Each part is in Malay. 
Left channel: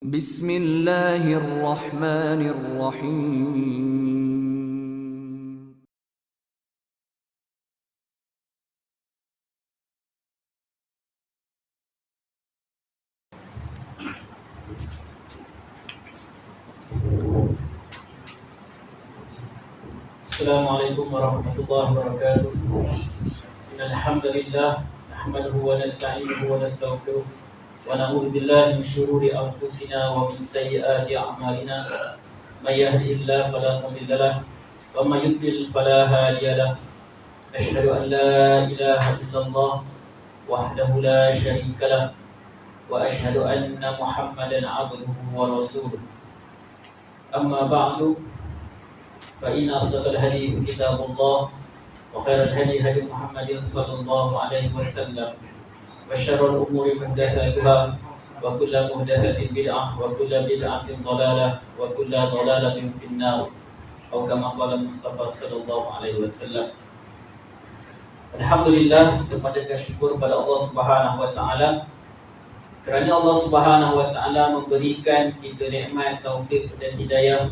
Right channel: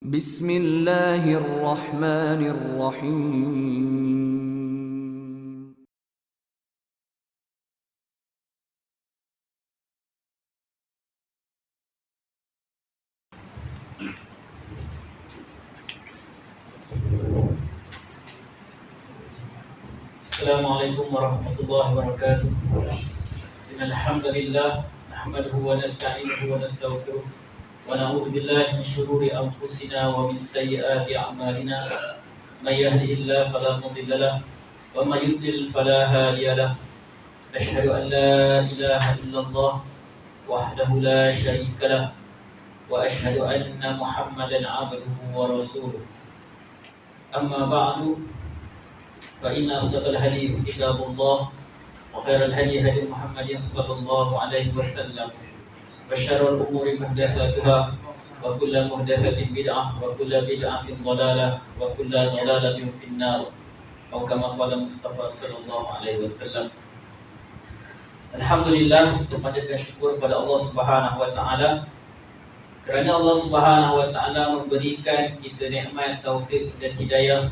Bismillahirrahmanirrahim. Assalamualaikum warahmatullahi wabarakatuh. Innal hamdalillah nahmaduhu wa nasta'inuhu wa nastaghfiruh wa na'udzu billahi min shururi anfusina wa min sayyiati a'malina. May yahdihillahu fala mudilla lahu wa may yudlil fala hadiya lahu. Asyhadu an la ilaha illallah wahdahu la syarika lahu wa asyhadu anna Muhammadan 'abduhu wa rasuluh. Amma ba'du. فإن أصدق الحديث كتاب الله وخير الهدي هدي محمد صلى الله عليه وسلم وشر الأمور محدثاتها وكل محدثة بدعة وكل بدعة ضلالة وكل ضلالة في النار أو كما قال Mustafa sallallahu alaihi wasallam. Alhamdulillah, kita panjatkan syukur pada Allah Subhanahu wa taala kerana Allah Subhanahu wa taala memberikan kita nikmat, taufik dan hidayah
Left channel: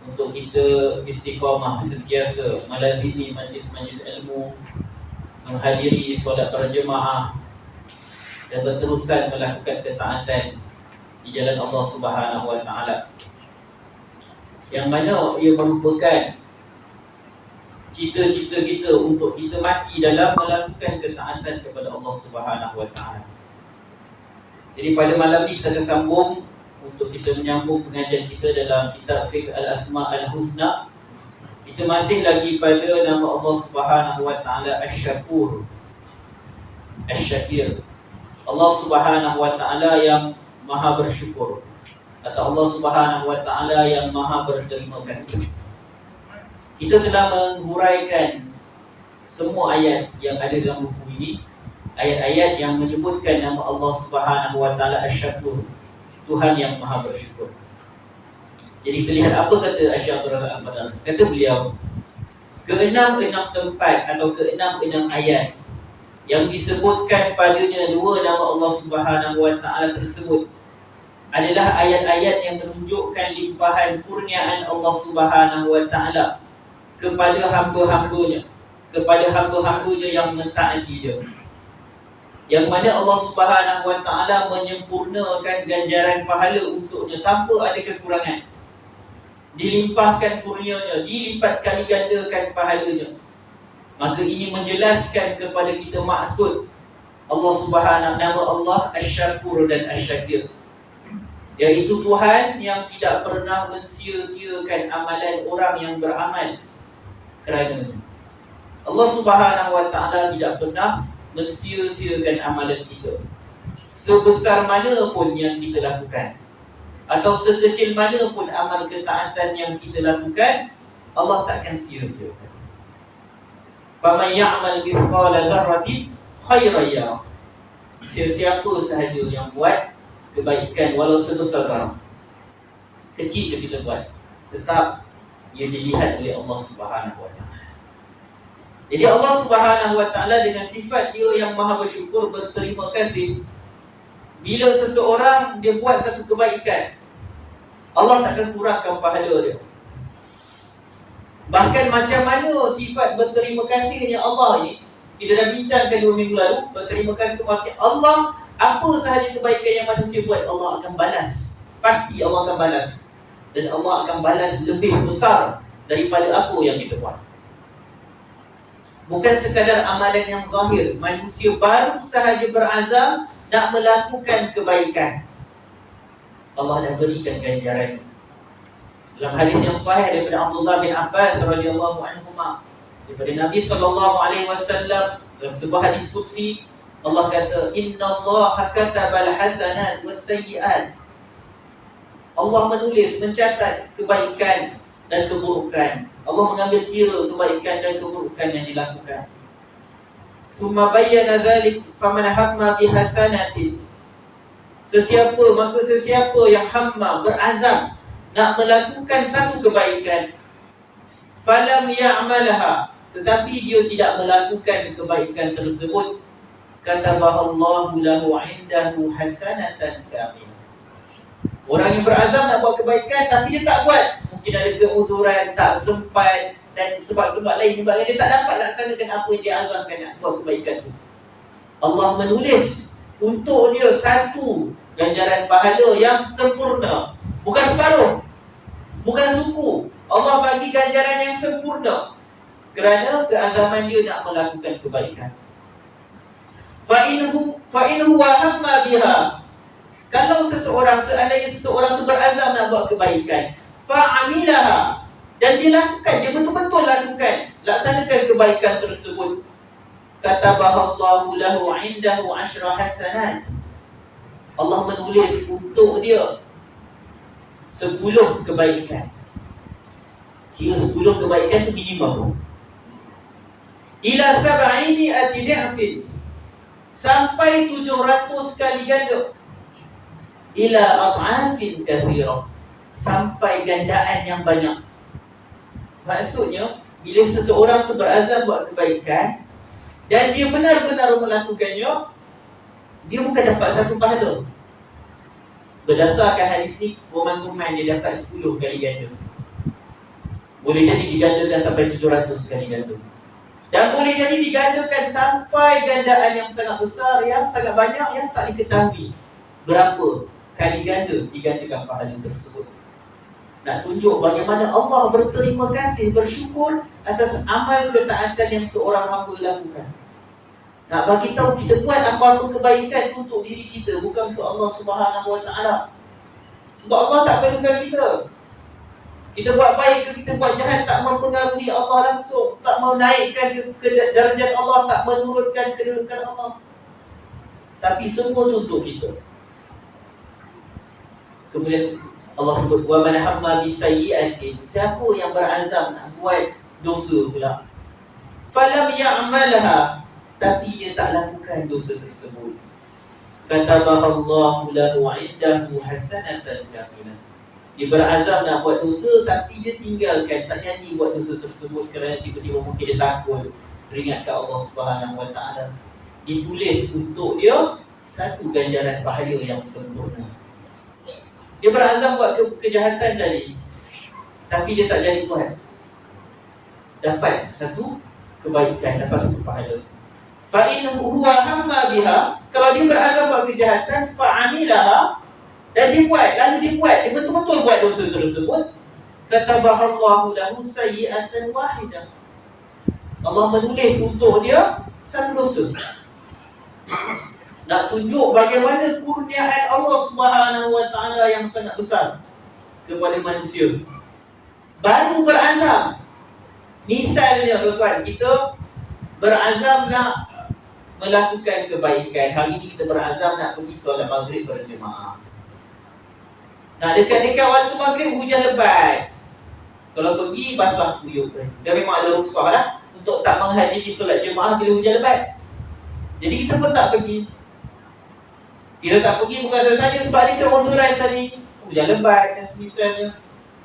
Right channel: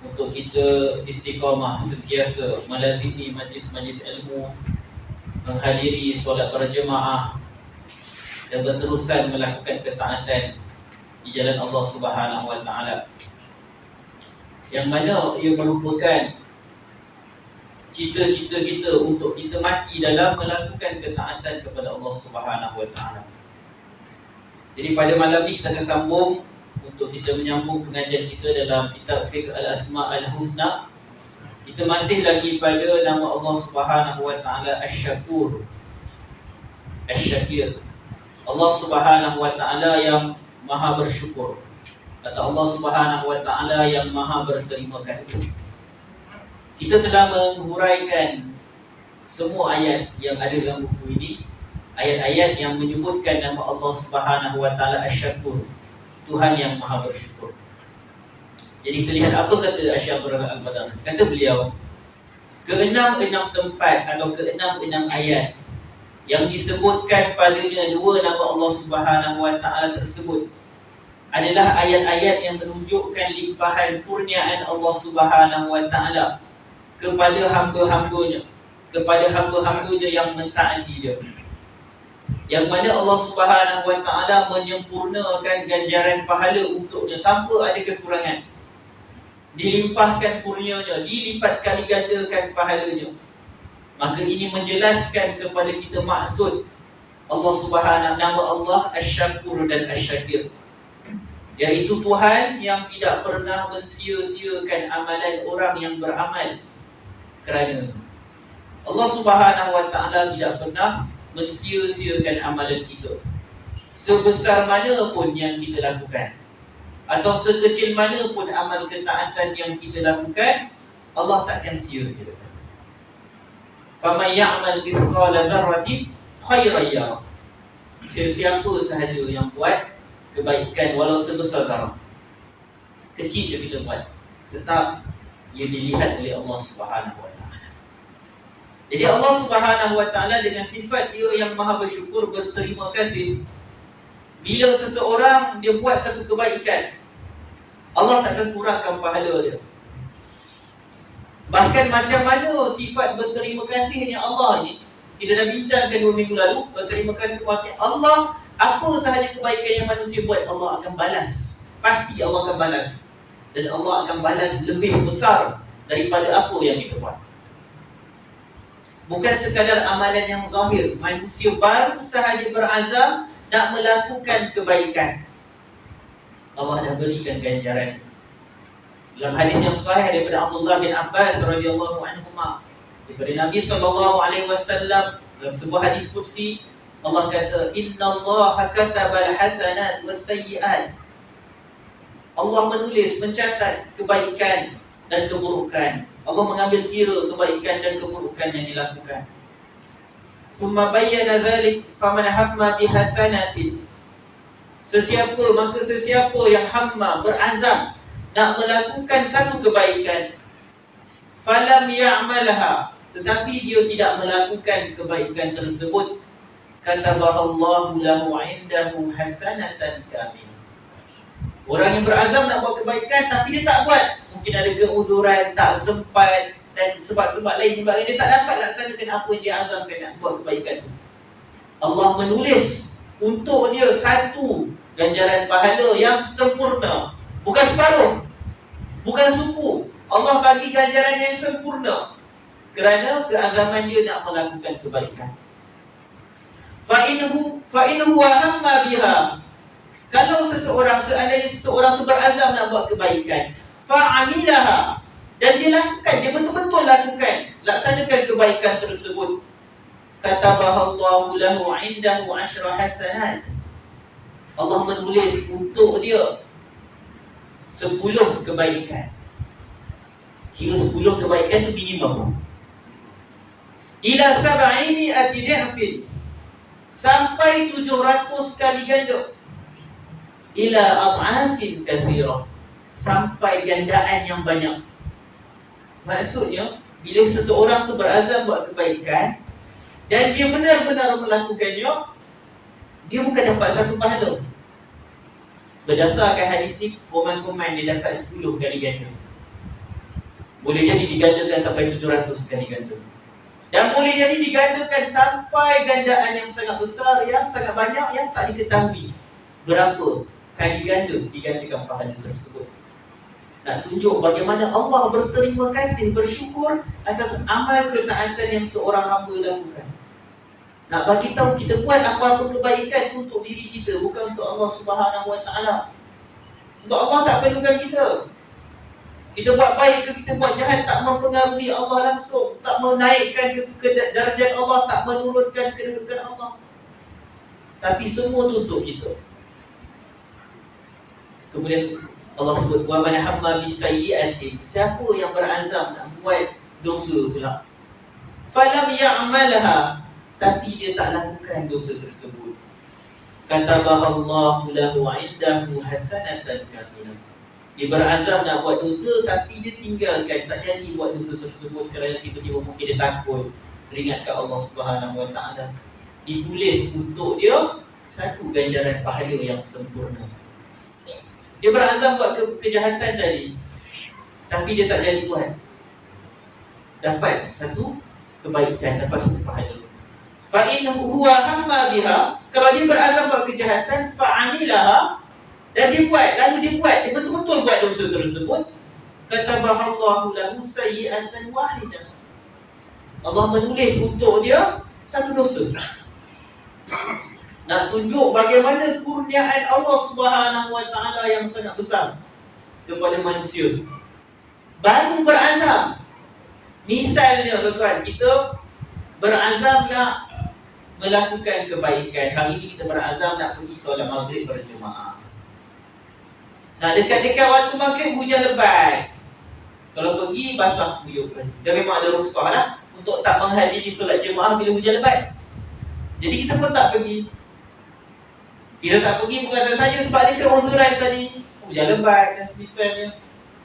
untuk kita istiqamah sentiasa melazimi majlis-majlis ilmu, menghadiri solat berjemaah dan berterusan melakukan ketaatan di jalan Allah Subhanahu wa taala. Yang mana ia merupakan cita-cita kita untuk kita mati dalam melakukan ketaatan kepada Allah Subhanahu wa taala. Jadi pada malam ni kita akan sambung untuk kita menyambung pengajian kita dalam kitab Fiqh Al-Asma' Al-Husna. Kita masih lagi pada nama Allah Subhanahu wa taala Asy-Syakur, Asy-Syakir. Allah Subhanahu wa taala yang Maha bersyukur, atau Allah Subhanahu wa taala yang Maha berterima kasih. Kita telah menghuraikan semua ayat yang ada dalam buku ini, ayat-ayat yang menyebutkan nama Allah Subhanahu wa taala Asy-Syakur, Tuhan yang Maha bersyukur. Jadi kita lihat apa kata Asy-Syakur Al-Badar. Kata beliau, keenam-enam tempat atau keenam-enam ayat yang disebutkan padanya dua nama Allah Subhanahu wa taala tersebut adalah ayat-ayat yang menunjukkan limpahan kurniaan Allah Subhanahu wa taala kepada hamba-hambanya, kepada hamba-hambanya yang mentaati dia. Yang mana Allah Subhanahu wa taala menyempurnakan ganjaran pahala untuknya tanpa ada kekurangan. Dilimpahkan kurnianya, dilipat kali gandakan pahalanya. Maka ini menjelaskan kepada kita maksud Allah Subhanahu, nama Allah Asy-Syakur dan Asy-Syakir, iaitu Tuhan yang tidak pernah mensia-siakan amalan orang yang beramal kerana Allah Subhanahu wa taala tidak pernah mensia-siakan amalan kita. Sebesar mana pun yang kita lakukan, atau sekecil mana pun amal ketaatan yang kita lakukan, Allah takkan sia-siakan. Faman ya'mal mithqala dzarratin khairan yarah. Sesiapa sahaja yang buat kebaikan walau sebesar zarah, kecil je kita buat, tetap ia dilihat oleh Allah Subhanahu wa taala. Jadi Allah Subhanahu wa taala dengan sifat dia yang Maha bersyukur, berterima kasih, bila seseorang dia buat satu kebaikan, Allah takkan kurangkan pahala dia. Bahkan macam mana sifat berterima kasihnya Allah ni, kita dah bincangkan 2 minggu lalu. Berterima kasih kepada Allah, apa sahaja kebaikan yang manusia buat, Allah akan balas. Pasti Allah akan balas. Dan Allah akan balas lebih besar daripada apa yang kita buat. Bukan sekadar amalan yang zahir, manusia baru sahaja berazam nak melakukan kebaikan, Allah dah berikan ganjaran. Dalam hadis yang sahih daripada Abdullah bin Abbas radhiyallahu anhuma, daripada Nabi sallallahu alaihi wasallam, dalam sebuah hadis qudsi, Allah kata, innallaha katabal hasanat was sayyiat. Allah menulis, mencatat kebaikan dan keburukan. Allah mengambil kira kebaikan dan keburukan yang dilakukan. Summa bayyana dzalik faman hamma bihasanatin. Sesiapa yang hamma, berazam nak melakukan satu kebaikan, falam ya'malha, tetapi dia tidak melakukan kebaikan tersebut, katabahallahu lahu 'indahu hasanatan kamilah. Orang yang berazam nak buat kebaikan tapi dia tak buat, mungkin ada keuzuran, tak sempat dan sebab-sebab lain sebab dia tak dapat laksanakan apa yang dia azamkan nak buat kebaikan tu. Allah menulis untuk dia satu ganjaran pahala yang sempurna, bukan separuh, bukan suku. Allah bagi ganjaran yang sempurna kerana keazaman dia nak melakukan kebaikan. Fa'inhu wa hamma biha. Kalau seandainya seseorang tu berazam nak buat kebaikan, fa'amilaha, dan dia lakukan, dia betul-betul lakukan, laksanakan kebaikan tersebut, katabahallahu lahu 'indahu 'ashra hasanat. Allah menulis untuk dia 10 kebaikan. Kira 10 kebaikan tu minimum. Ila sab'ini ati'afin, sampai 700 kali ganda. Ila ad'afin kathira, sampai gandaan yang banyak. Maksudnya, bila seseorang tu berazam buat kebaikan dan dia benar-benar melakukannya, dia bukan dapat satu pahala. Berdasarkan hadis ni, komen-komen dia dapat 10 kali ganda. Boleh jadi digandakan sampai 700 kali ganda. Dan boleh jadi digandakan sampai gandaan yang sangat besar, yang sangat banyak, yang tak diketahui berapa kali ganda digandakan pahala tersebut. Nak tunjuk bagaimana Allah berterima kasih, bersyukur atas amal ketaatan yang seorang hamba lakukan. Nak bagi tahu kita buat apa-apa kebaikan tu untuk diri kita, bukan untuk Allah Subhanahu Wa Taala. Sebab Allah tak perlukan kita. Kita buat baik ke kita buat jahat tak mempengaruhi Allah langsung, tak menaikkan ke darjat Allah, tak menurunkan kedudukan Allah. Tapi semua tu untuk kita. Kemudian Allah sebut, wa man hamma bisayyi'atin, siapa yang berazam nak buat dosa pula, falam ya'malha, tapi dia tak lakukan dosa tersebut, katabahallahu lahu 'indahu hasanatan kamilah. Dia berazam nak buat dosa tapi dia tinggalkan, tak jadi buat dosa tersebut kerana tiba-tiba mungkin dia takut, teringatkan Allah Subhanahu Wa Taala. Ditulis untuk dia satu ganjaran pahala yang sempurna. Dia berazam buat kejahatan tadi, tapi dia tak jadi buat, dapat satu kebaikan, dapat satu pahala. Fa'inhu huwa hamma biha, kalau dia berazam buat kejahatan, fa'amilaha, dan dia buat, lalu dia betul-betul buat dosa tersebut, katabahallahu lahu sayyi'atan wahidah. Allah menulis untuk dia satu dosa. Nak tunjuk bagaimana kurniaan Allah Subhanahu Wa Taala yang sangat besar kepada manusia. Baru berazam. Misalnya tuan-tuan, kita berazam nak melakukan kebaikan. Hari ini kita berazam nak pergi solat maghrib berjemaah. Nah, dekat-dekat waktu maghrib hujan lebat. Kalau pergi basah kuyup. Dah memang ada rukhsah dah untuk tak menghadiri solat jemaah bila hujan lebat. Jadi kita pun tak pergi. Kita tak pergi bukan saja sebab ada keuzuran tadi, hujan lebat dan semisalnya,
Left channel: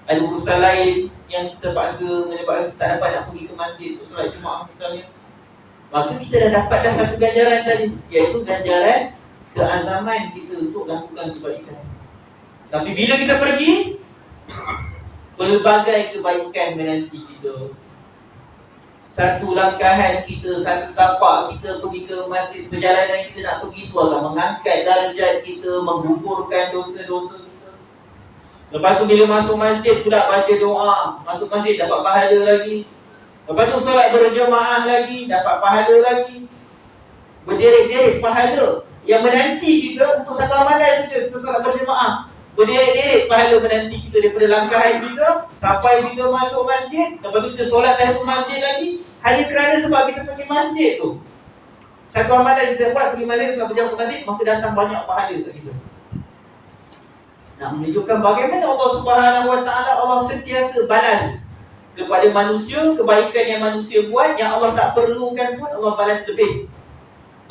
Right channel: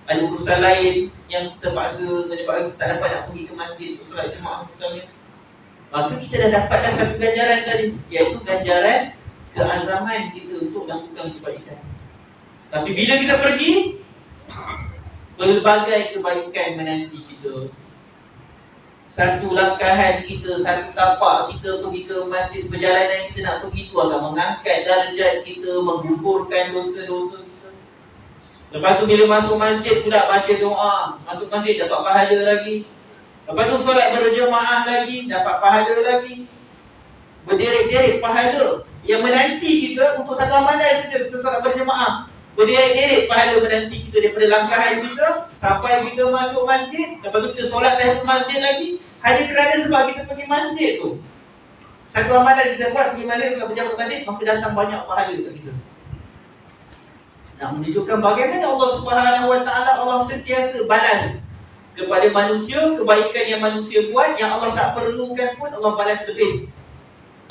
ada urusan lain yang terpaksa menyebabkan tak dapat nak pergi ke masjid untuk solat jemaah misalnya. Maka kita dah dapat dah satu ganjaran tadi, iaitu ganjaran keazaman kita untuk lakukan kebaikan. Tapi bila kita pergi, pelbagai kebaikan menanti kita. Satu langkahan kita, satu tapak kita pergi ke masjid, perjalanan kita nak pergi itu akan mengangkat darjat kita, menggugurkan dosa-dosa kita. Lepas tu bila masuk masjid pula baca doa, masuk masjid dapat pahala lagi. Lepas tu solat berjemaah lagi, dapat pahala lagi. Berderet-deret pahala yang menanti kita untuk satu amalan saja, kita solat berjemaah. Berderet-deret pahala menanti kita daripada langkahan kita sampai kita masuk masjid. Lepas tu kita solat tahiyatul masjid lagi, hanya kerana sebab kita pergi masjid tu. Satu amalan kita buat pergi masjid, solat berjamaah ke masjid, maka datang banyak pahala kat kita. Nak menunjukkan bagaimana Allah Subhanahu Wa Taala, Allah sentiasa balas kepada manusia kebaikan yang manusia buat, yang Allah tak perlukan pun Allah balas lebih.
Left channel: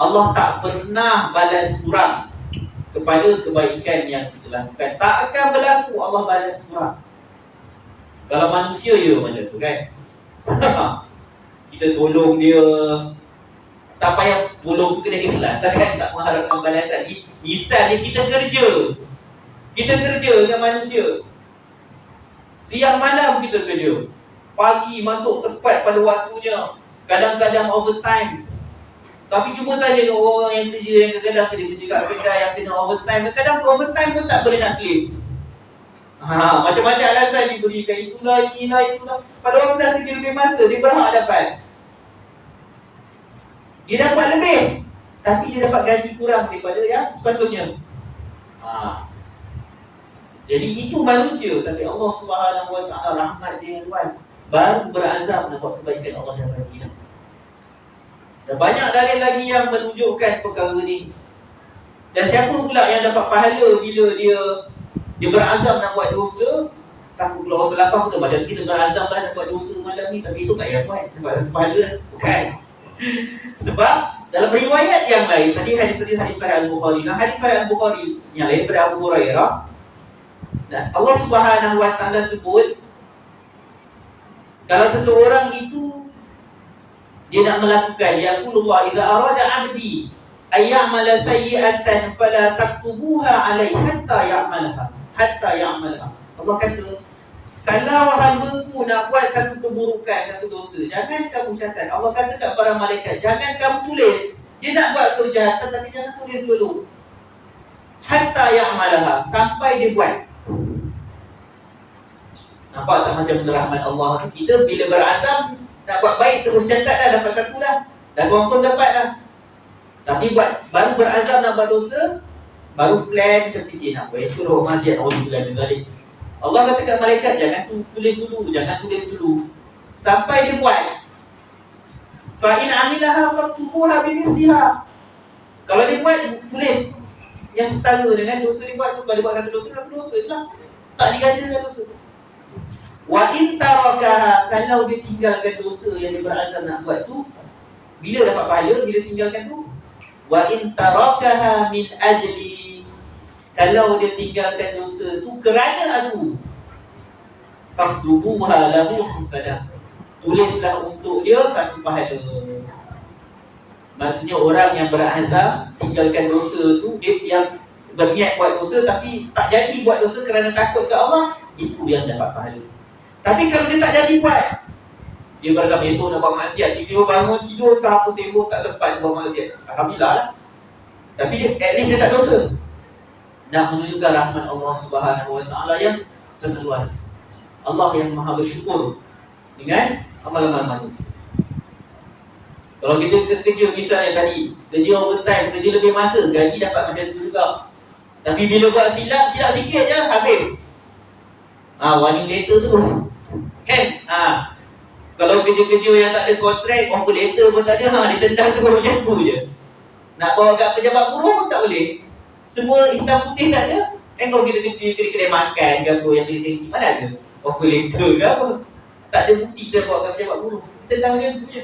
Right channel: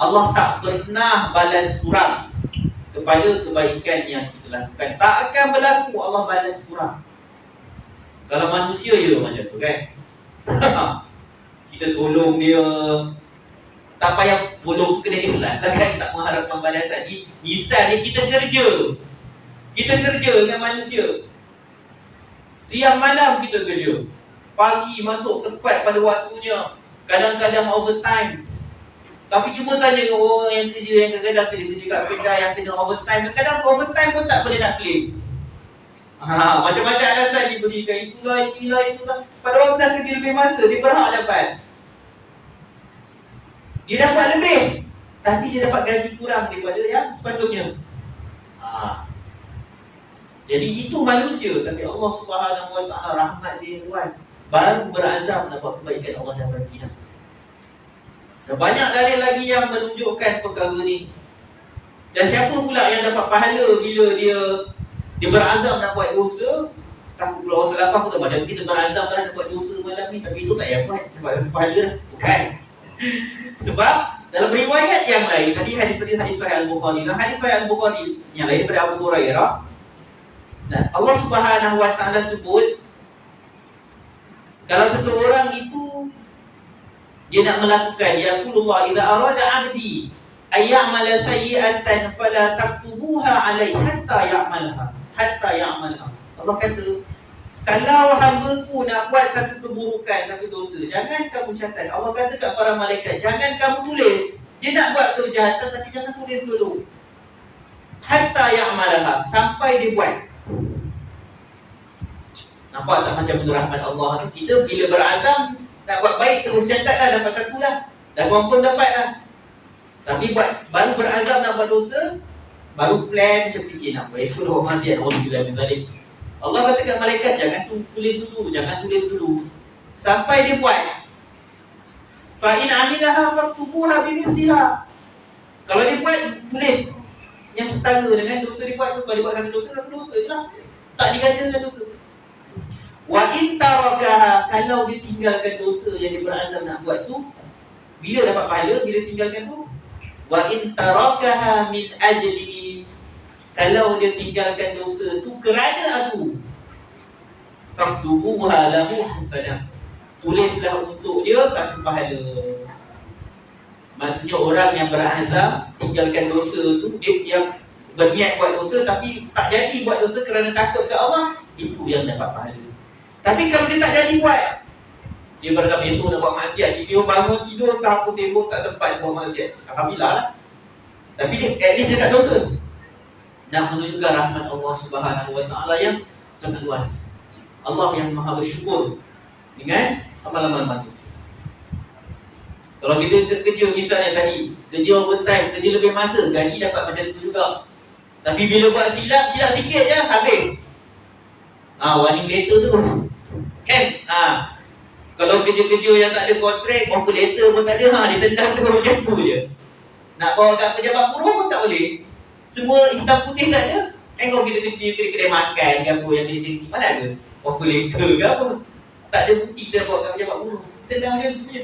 Allah tak pernah balas kurang kepada kebaikan yang kita lakukan. Tak akan berlaku Allah balas kurang. Kalau manusia je macam tu kan. Kita tolong dia, tak payah tolong tu kena ikhlas kan, tak mengharapkan balasan. Misalnya kita kerja, Kita kerja dengan manusia. Siang malam kita kerja. Pagi masuk tepat pada waktunya. Kadang-kadang overtime. Tapi cuma tanya ke orang yang kerja, yang kadang-kadang kerja kat kedai yang kena overtime. Kadang-kadang overtime pun tak boleh nak claim. Macam-macam alasan diberikan. Itulah. Pada waktu dah kerja lebih masa, dia berhak dapat. Dia dapat lebih, tapi dia dapat gaji kurang daripada yang sepatutnya. Jadi itu manusia. Tapi Allah Subhanahu Wa Taala rahmat dia luas, baru berazam nak buat kebaikan Allah dah bagi dah. Dan banyak dalil lagi yang menunjukkan perkara ni. Dan siapa pula yang dapat pahala bila dia berazam nak buat dosa? Takut pula orang selapang pun macam kita berazam lah nak buat dosa malam ni, tapi esok tak payah buat, dapat pahala dah. Bukan. Sebab dalam riwayat yang lain, tadi hadis Sahih Al-Bukhari, hadis Sahih Al-Bukhari yang lain daripada Abu Hurairah. Allah Subhanahu Wa Taala sebut, kalau seseorang itu dia nak melakukan, yaqulullah idza arada 'abdi ay ya'mala sayyi'atan fala taktubuha 'alaihi hatta ya'malha. Allah kata, kalau hamba-Ku nak buat satu keburukan, satu dosa, jangan kamu catat. Allah kata kat para malaikat, jangan kamu tulis. Dia nak buat kejahatan tapi jangan tulis dulu. Hatta ya'malha, sampai dia buat. Nampak tak macam rahmat Allah? Kita bila berazam nak buat baik, terus catat dah, dapat satu dah. Dah confirm dapat dah. Tapi baru berazam nak buat dosa, baru plan macam fikir nak buat esok buat maksiat. Allah kata kat malaikat, jangan tulis dulu. Sampai dia buat. Fa in amilaha faktubuha bimisliha. Kalau dia buat, tulis yang setara dengan dosa dia buat tu. Kalau dia buat satu dosa je lah, tak digandakan dosa. Wa in tarakaha, kalau dia tinggalkan dosa yang dia berazam nak buat tu, bila dapat pahala? Bila tinggalkan tu. Wa in tarakaha min ajli, kalau dia tinggalkan dosa tu kerana aku, faktubuha lahu hasanah, tulislah untuk dia satu pahala. Maksudnya orang yang berazam tinggalkan dosa tu, dia yang berniat buat dosa tapi tak jadi buat dosa kerana takut ke Allah, itu yang dapat pahala. Tapi kalau dia tak jadi buat, dia berazam esok nak buat maksiat, dia bangun tidur tak apa sibuk, tak sempat buat maksiat, alhamdulillah lah. Tapi dia at least dia tak dosa. Nak menunjukkan rahmat Allah Subhanahu Wa Taala yang sangat luas. Allah yang maha bersyukur dengan amalan manusia. Kalau kita kerja misalnya tadi, kerja overtime, kerja lebih masa, gaji dapat macam tu juga. Tapi bila buat silap sikit je, habis. Warning letter terus. Kan? Kalau kerja-kerja yang tak ada kontrak, offer letter pun tak ada, ditendang tu macam tu je. Nak bawa kat pejabat buruh pun tak boleh. Semua hitam putih tak ada. Kan kalau kita kerja kedai makan ke apa yang kerja mana ada offer letter ke apa. Tak ada bukti kita bawa kat pejabat buruh. Tendang macam tu je.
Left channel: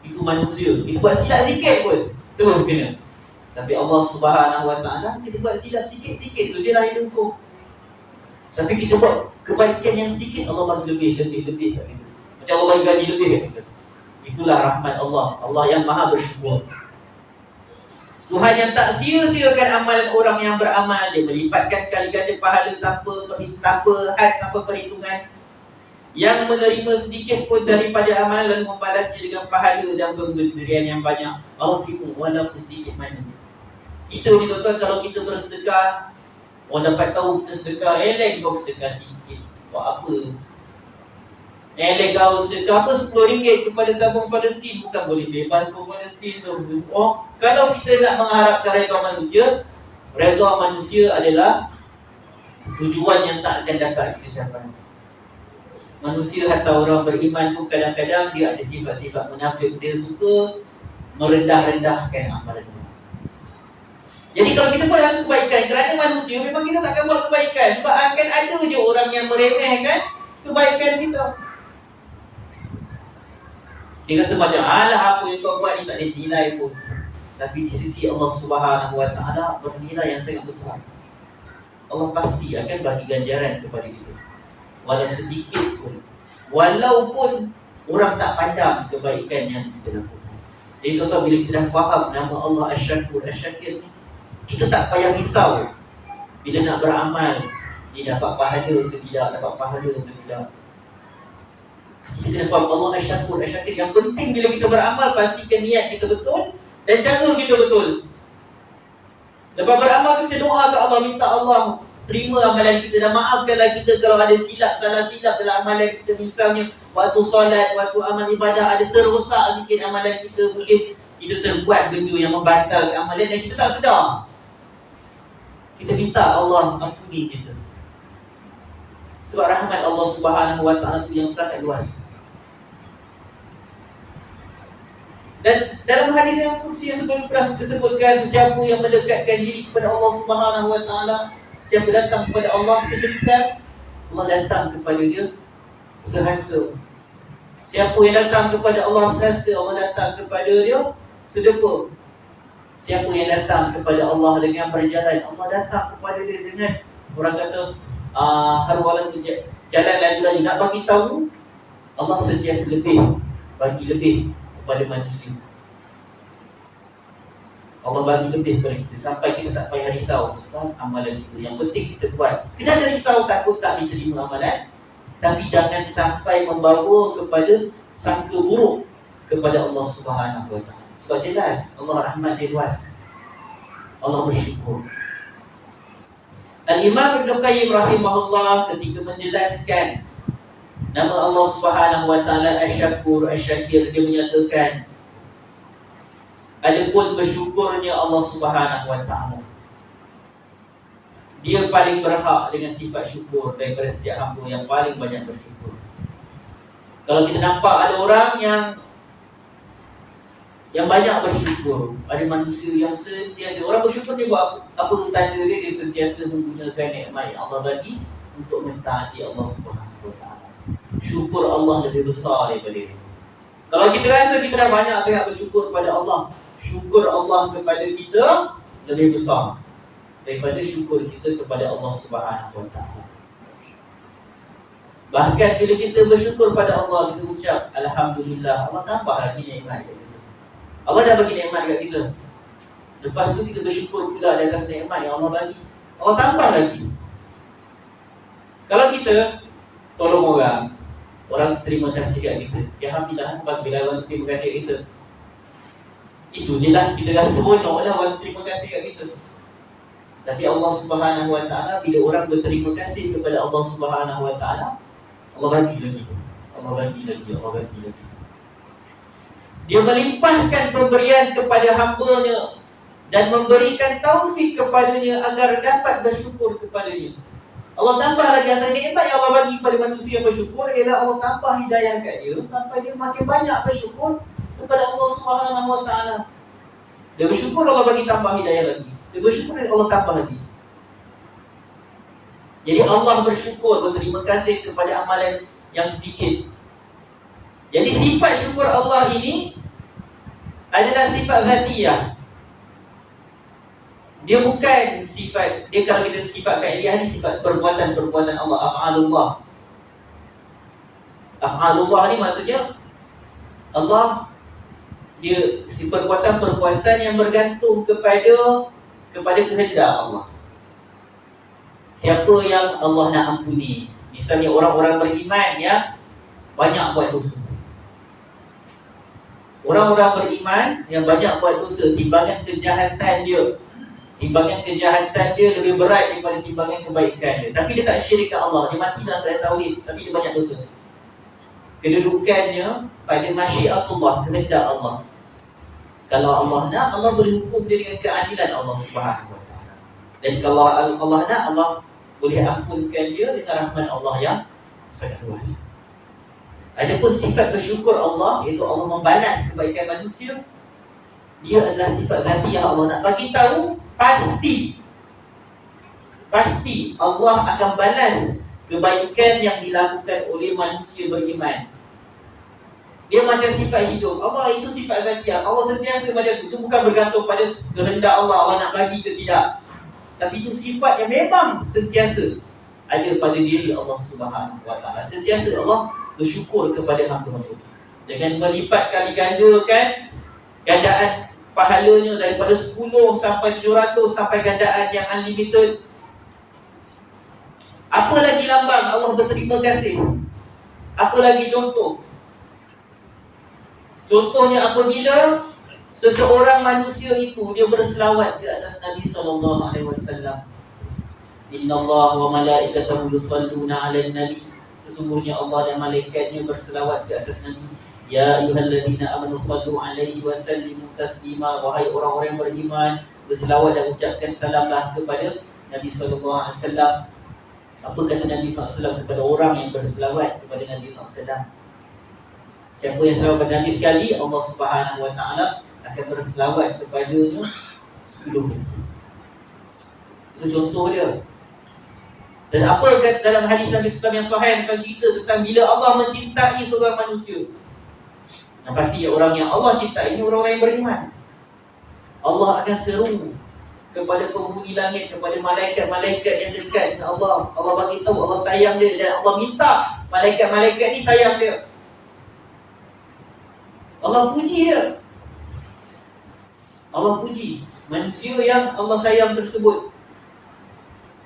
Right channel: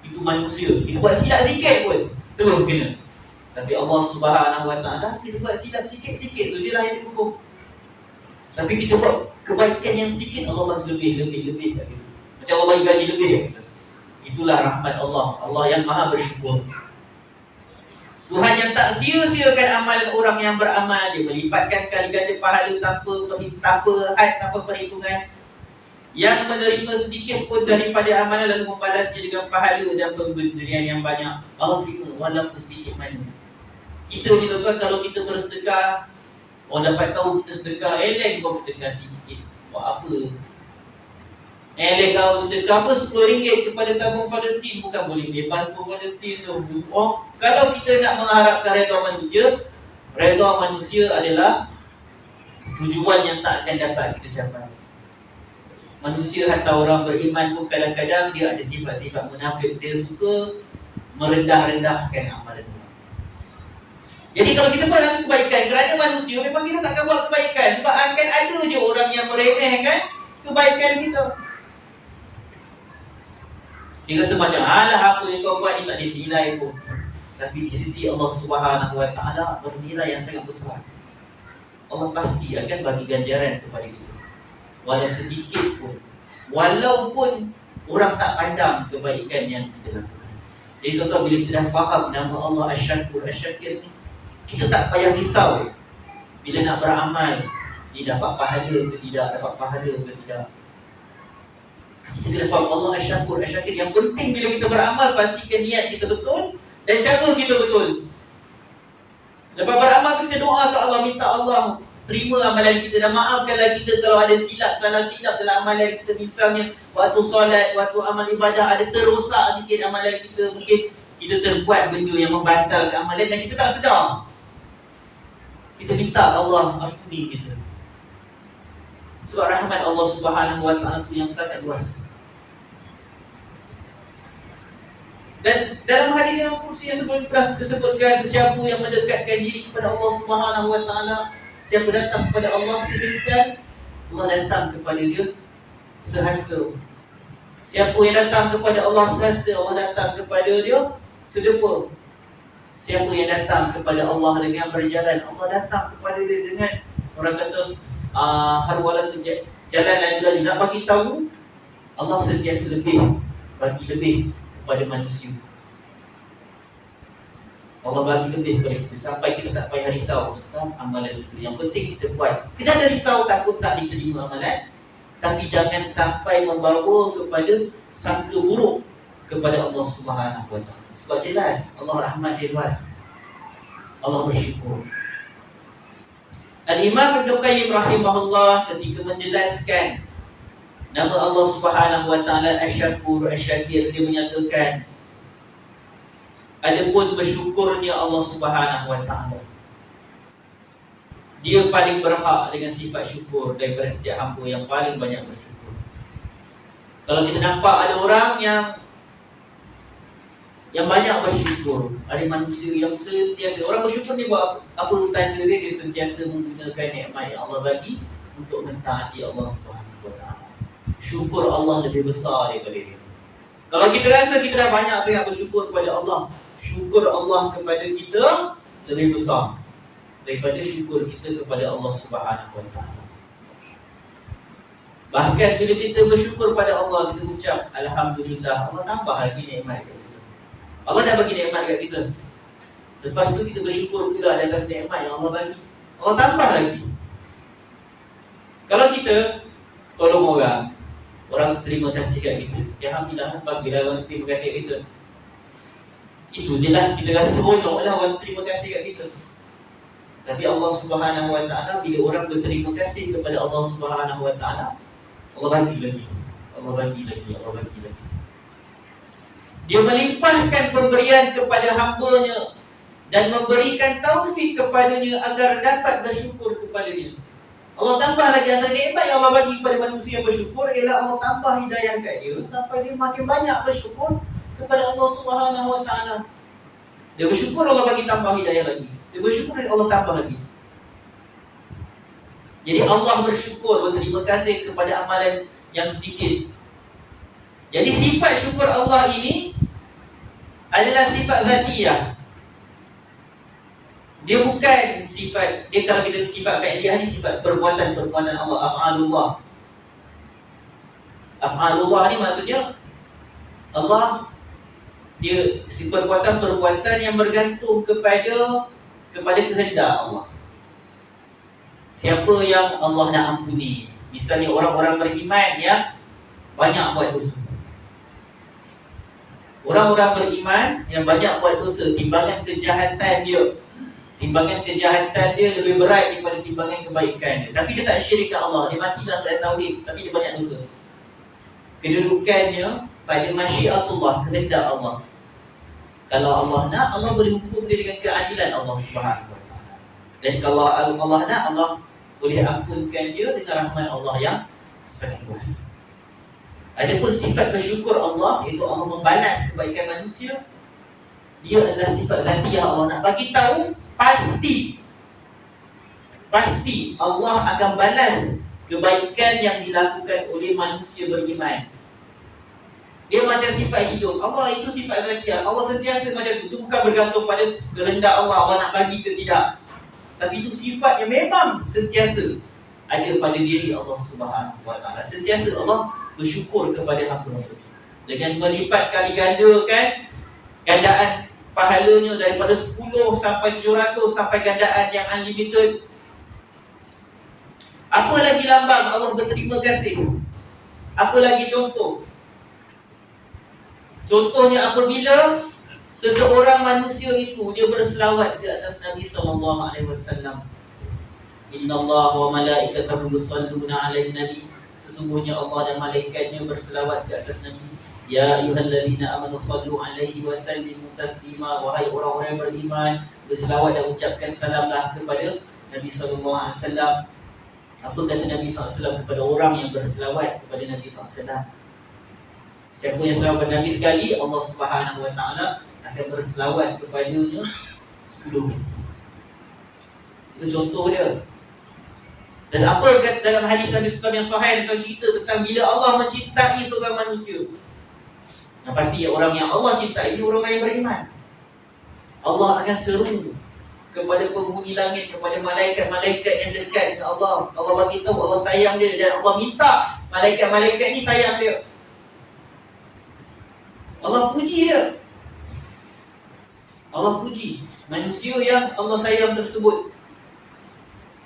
Itu manusia. Kita buat silap sikit pun terus kena. Tapi Allah Subhanahu Wa Taala, kita buat silap sikit-sikit tu je lah yang hukum. Tapi kita buat kebaikan yang sedikit, Allah bagi lebih kat kita. Macam Allah bagi gaji lebih kat kita. Itulah rahmat Allah. Allah yang maha bersyukur. Tuhan yang tak sia-siakan amalan orang yang beramal. Dia melipatkan kali ganda pahala tanpa perhitungan. Yang menerima sedikit pun daripada amalan lalu membalasnya dengan pahala dan pemberian yang banyak. Allah terima walaupun sedikit mana. Kita ni tuan-tuan, kalau kita bersedekah, orang dapat tahu kita sedekah, kau sedekah sikit. Buat apa? Kau sedekah apa RM10 kepada tabung Palestin, bukan boleh bebas pun Palestin tu. Kalau kita nak mengharapkan redha manusia adalah tujuan yang tak akan dapat kita capai. Manusia atau orang beriman pun kadang-kadang dia ada sifat-sifat munafik. Dia suka merendah-rendahkan amalan. Jadi kalau kita buat satu kebaikan kerana manusia, memang kita takkan buat kebaikan. Sebab akan ada je orang yang meremehkan kebaikan kita. Dia rasa macam, alah apa yang kau buat ni tak ada nilai pun. Tapi di sisi Allah Subhanahu Wa Taala bernilai yang sangat besar. Allah pasti akan bagi ganjaran kepada kita. Walau sedikit pun. Walaupun orang tak pandang kebaikan yang kita lakukan. Jadi tuan-tuan, bila kita dah faham nama Allah Asy-Syakur, Asy-Syakir ni, kita tak payah risau Bila nak beramal, dia dapat pahala ke tidak, dapat pahala ke tidak. Kita kena faham Allah Asy-Syakur. Asy-Syakir yang penting bila kita beramal, pastikan niat kita betul dan cara kita betul. Lepas beramal kita doa ke Allah, minta Allah terima amalan kita dan maafkanlah kita kalau ada silap, salah silap dalam amalan kita. Misalnya waktu solat, waktu amal ibadah ada terosak sikit amalan kita, mungkin kita terbuat benda yang membatalkan amalan dan kita tak sedar. Kita minta Allah ampuni kita. Sebab rahmat Allah Subhanahu Wa Taala itu yang sangat luas. Dan dalam hadis yang kursi yang sebelum pernah disebutkan, sesiapa yang mendekatkan diri kepada Allah Subhanahu Wa Taala, siapa datang kepada Allah sedemikian, Allah datang kepada dia sehasta. Siapa yang datang kepada Allah sehasta, Allah datang kepada dia sedepa. Siapa yang datang kepada Allah dengan berjalan, Allah datang kepada dia dengan, orang kata harwalan jalan laju-laju. Nak bagi tahu, Allah sentiasa bagi lebih kepada manusia. Allah bagi lebih kepada kita sampai kita tak payah risau tentang amalan kita. Yang penting kita buat. Kena ada risau takut tak diterima amalan, tapi jangan sampai membawa kepada sangka buruk kepada Allah Subhanahu Wa Taala. Sebab jelas Allah rahmat dia luas. Allah bersyukur. Al-Imam Ibn Qayyim rahimahullah ketika menjelaskan nama Allah Subhanahu Wa Taala Asy-Syakur, Asy-Syakir, dia menyatakan adapun bersyukurnya Allah Subhanahu Wa Taala, dia paling berhak dengan sifat syukur daripada setiap hamba yang paling banyak bersyukur. Kalau kita nampak ada orang yang banyak bersyukur, ada manusia yang sentiasa, orang bersyukur ni buat apa tanda dia? Dia sentiasa menggunakan nikmat yang Allah bagi untuk mentaati Allah Subhanahu Wa Taala. Syukur Allah lebih besar daripada dia. Kalau kita rasa kita dah banyak sangat bersyukur kepada Allah, syukur Allah kepada kita lebih besar daripada syukur kita kepada Allah Subhanahu Wa Taala. Bahkan bila kita bersyukur pada Allah, kita ucap Alhamdulillah, Allah tambah lagi nikmat kat kita. Allah dah bagi nikmat kat kita, lepas tu kita bersyukur pula di atas nikmat yang Allah bagi, Allah tambah lagi. Kalau kita tolong orang terima kasih kat kita, ya Alhamdulillah, bagilah orang terima kasih kat kita. Itu je lah, kita rasa seronok lah orang terima kasih kat kita. Tapi Allah Subhanahu Wa Taala, bila orang berterima kasih kepada Allah Subhanahu Wa Taala, Allah bagi lagi, Allah bagi lagi, Allah bagi lagi. Dia melimpahkan pemberian kepada hamba-Nya dan memberikan taufik kepadanya agar dapat bersyukur kepada-Nya. Allah tambah lagi antara nikmat yang Allah bagi kepada manusia yang bersyukur ialah Allah tambah hidayah kat dia sampai dia makin banyak bersyukur kepada Allah Subhanahu Wa Taala. Dia bersyukur, Allah bagi tambah hidayah lagi. Dia bersyukur, Allah tambah lagi. Jadi Allah bersyukur, berterima kasih kepada amalan yang sedikit. Jadi sifat syukur Allah ini adalah sifat zatiyah. Dia bukan sifat, dia kalau kita sifat fa'liyah ni sifat perbuatan-perbuatan Allah, af'alullah. Af'alullah ni maksudnya Allah, dia si perbuatan-perbuatan yang bergantung kepada kehendak Allah. Siapa yang Allah nak ampuni, misalnya orang-orang beriman yang banyak buat dosa. Orang-orang beriman yang banyak buat dosa, timbangan kejahatan dia lebih berat daripada timbangan kebaikan dia. Tapi dia tak syirik ke Allah, dia mati dalam keadaan tauhid, tapi dia banyak dosa. Kedudukannya pada masyiatullah, kehendak Allah. Kalau Allah nak, Allah boleh hukum dia dengan keadilan Allah Subhanahu Wa Taala. Dan kalau Allah nak, Allah boleh ampunkan dia dengan rahmat Allah yang sangat luas. Adapun sifat bersyukur Allah, iaitu Allah membalas kebaikan manusia, dia adalah sifat zatiyah. Allah nak bagi tahu pasti Allah akan balas kebaikan yang dilakukan oleh manusia beriman. Dia macam sifat hidup. Allah itu sifat zatiyah. Allah sentiasa macam itu. Itu bukan bergantung pada kehendak Allah, Allah nak bagi ke tidak. Tapi itu sifat yang memang sentiasa ada pada diri Allah Subhanahu Wa Taala. Sentiasa Allah bersyukur kepada hamba-Nya dengan melipat kali gandakan gandaan pahalanya daripada 10 sampai 700 sampai gandaan yang unlimited. lambang Allah berterima kasih. Apa lagi contoh? Contohnya apabila seseorang manusia itu dia berselawat ke atas Nabi SAW. Inna Allah wa malaikatahu yusalluna 'alan nabi. Sesungguhnya Allah dan malaikatnya berselawat ke atas Nabi. Ya ayyuhalladzina amanu sallu 'alaihi wa sallimu taslima. Wahai orang-orang yang beriman, berselawat dan ucapkan salamlah kepada Nabi SAW. Apa kata Nabi SAW kepada orang yang berselawat kepada Nabi SAW? Siapa yang selawat kepada Nabi sekali, Allah Subhanahu wa taala akan berselawat kepadanya 10. Itu contoh dia. Dan apa kata dalam hadis Nabi SAW yang sahih tentang cerita tentang bila Allah mencintai seorang manusia. Yang pasti orang yang Allah cintai ini orang-orang yang beriman. Allah akan seru kepada penghuni langit, kepada malaikat-malaikat yang dekat dengan Allah. Allah bagi tahu Allah sayang dia dan Allah minta malaikat-malaikat ni sayang dia. Allah puji dia. Allah puji manusia yang Allah sayang tersebut.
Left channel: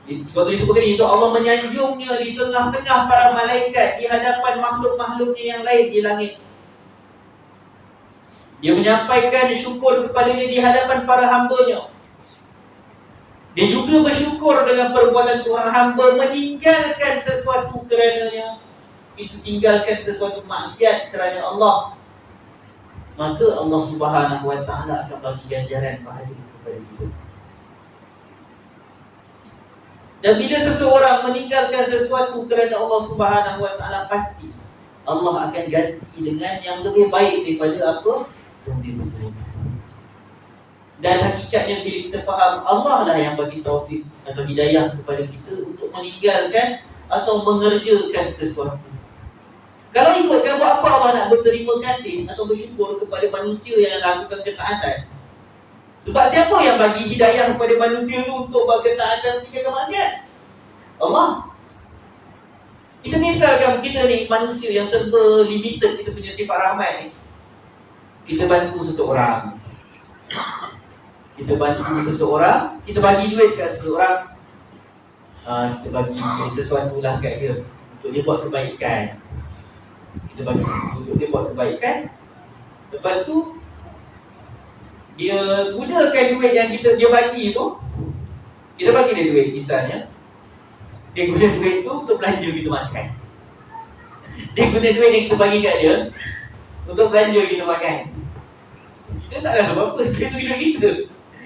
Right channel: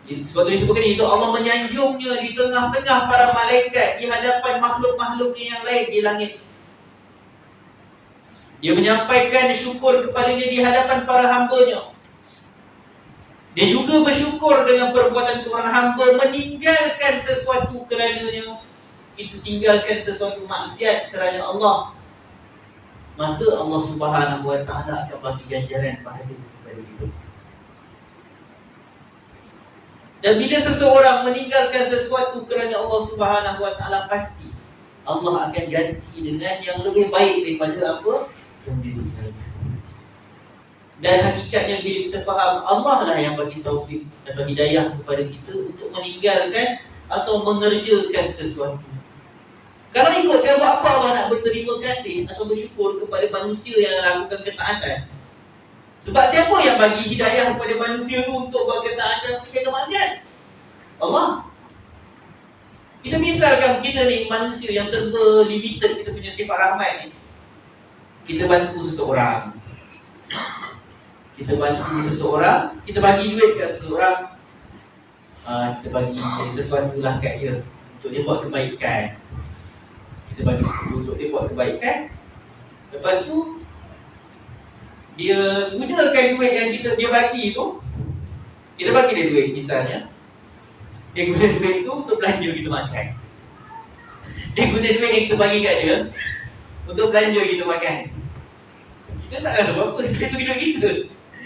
Sebab tu disebutkan itu Allah menyanjungnya di tengah-tengah para malaikat, di hadapan makhluk-makhluknya yang lain di langit. Dia menyampaikan syukur kepadanya di hadapan para hambanya. Dia juga bersyukur dengan perbuatan seorang hamba meninggalkan sesuatu kerananya. Itu tinggalkan sesuatu maksiat kerana Allah. Maka Allah Subhanahu wa taala akan bagi ganjaran pahala kepada kita. Dan bila seseorang meninggalkan sesuatu kerana Allah Subhanahu wa taala, pasti Allah akan ganti dengan yang lebih baik daripada apa yang dia tinggalkan. Dan hakikatnya bila kita faham Allah lah yang bagi taufik atau hidayah kepada kita untuk meninggalkan atau mengerjakan sesuatu. Kalau ikutkan buat apa Allah nak berterima kasih atau bersyukur kepada manusia yang lakukan ketaatan? Sebab siapa yang bagi hidayah kepada manusia tu untuk buat ketaatan dan tinggalkan maksiat? Allah. Kita misalkan kita ni manusia yang serba limited kita punya sifat rahmat ni. Kita bantu seseorang. Kita bagi duit kat seseorang. Kita bagi sesuatu lah kat dia untuk dia buat kebaikan. Kita bagi untuk dia buat kebaikan. Lepas tu dia gunakan duit yang dia bagi tu. Kita bagi dia duit misalnya. Dia guna duit tu untuk belanja kita makan. Dia guna duit yang kita bagi kat dia untuk belanja kita makan. Kita tak rasa apa-apa, duit tu duit kita.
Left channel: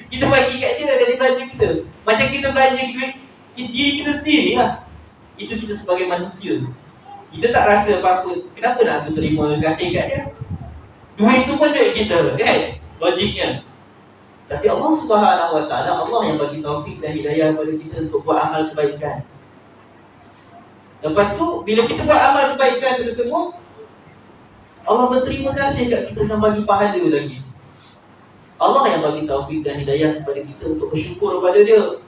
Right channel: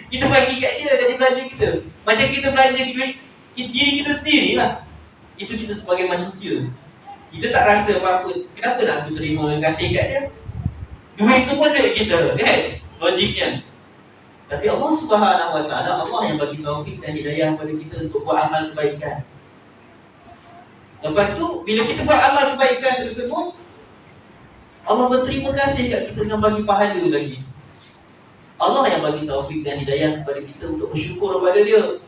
Kita bagi kat dia dan dia belanja kita. Macam kita belanja duit diri kita sendiri lah. Itu kita sebagai manusia. Kita tak rasa apa-apa. Kenapa nak aku terima kasih kat dia? Duit tu pun duit kita, kan? Logiknya. Tapi Allah Subhanahu wa taala, Allah yang bagi taufik dan hidayah kepada kita untuk buat amal kebaikan. Lepas tu bila kita buat amal kebaikan tersebut, Allah berterima kasih kat kita dengan bagi pahala lagi. Allah yang bagi taufik dan hidayah kepada kita untuk bersyukur kepada dia.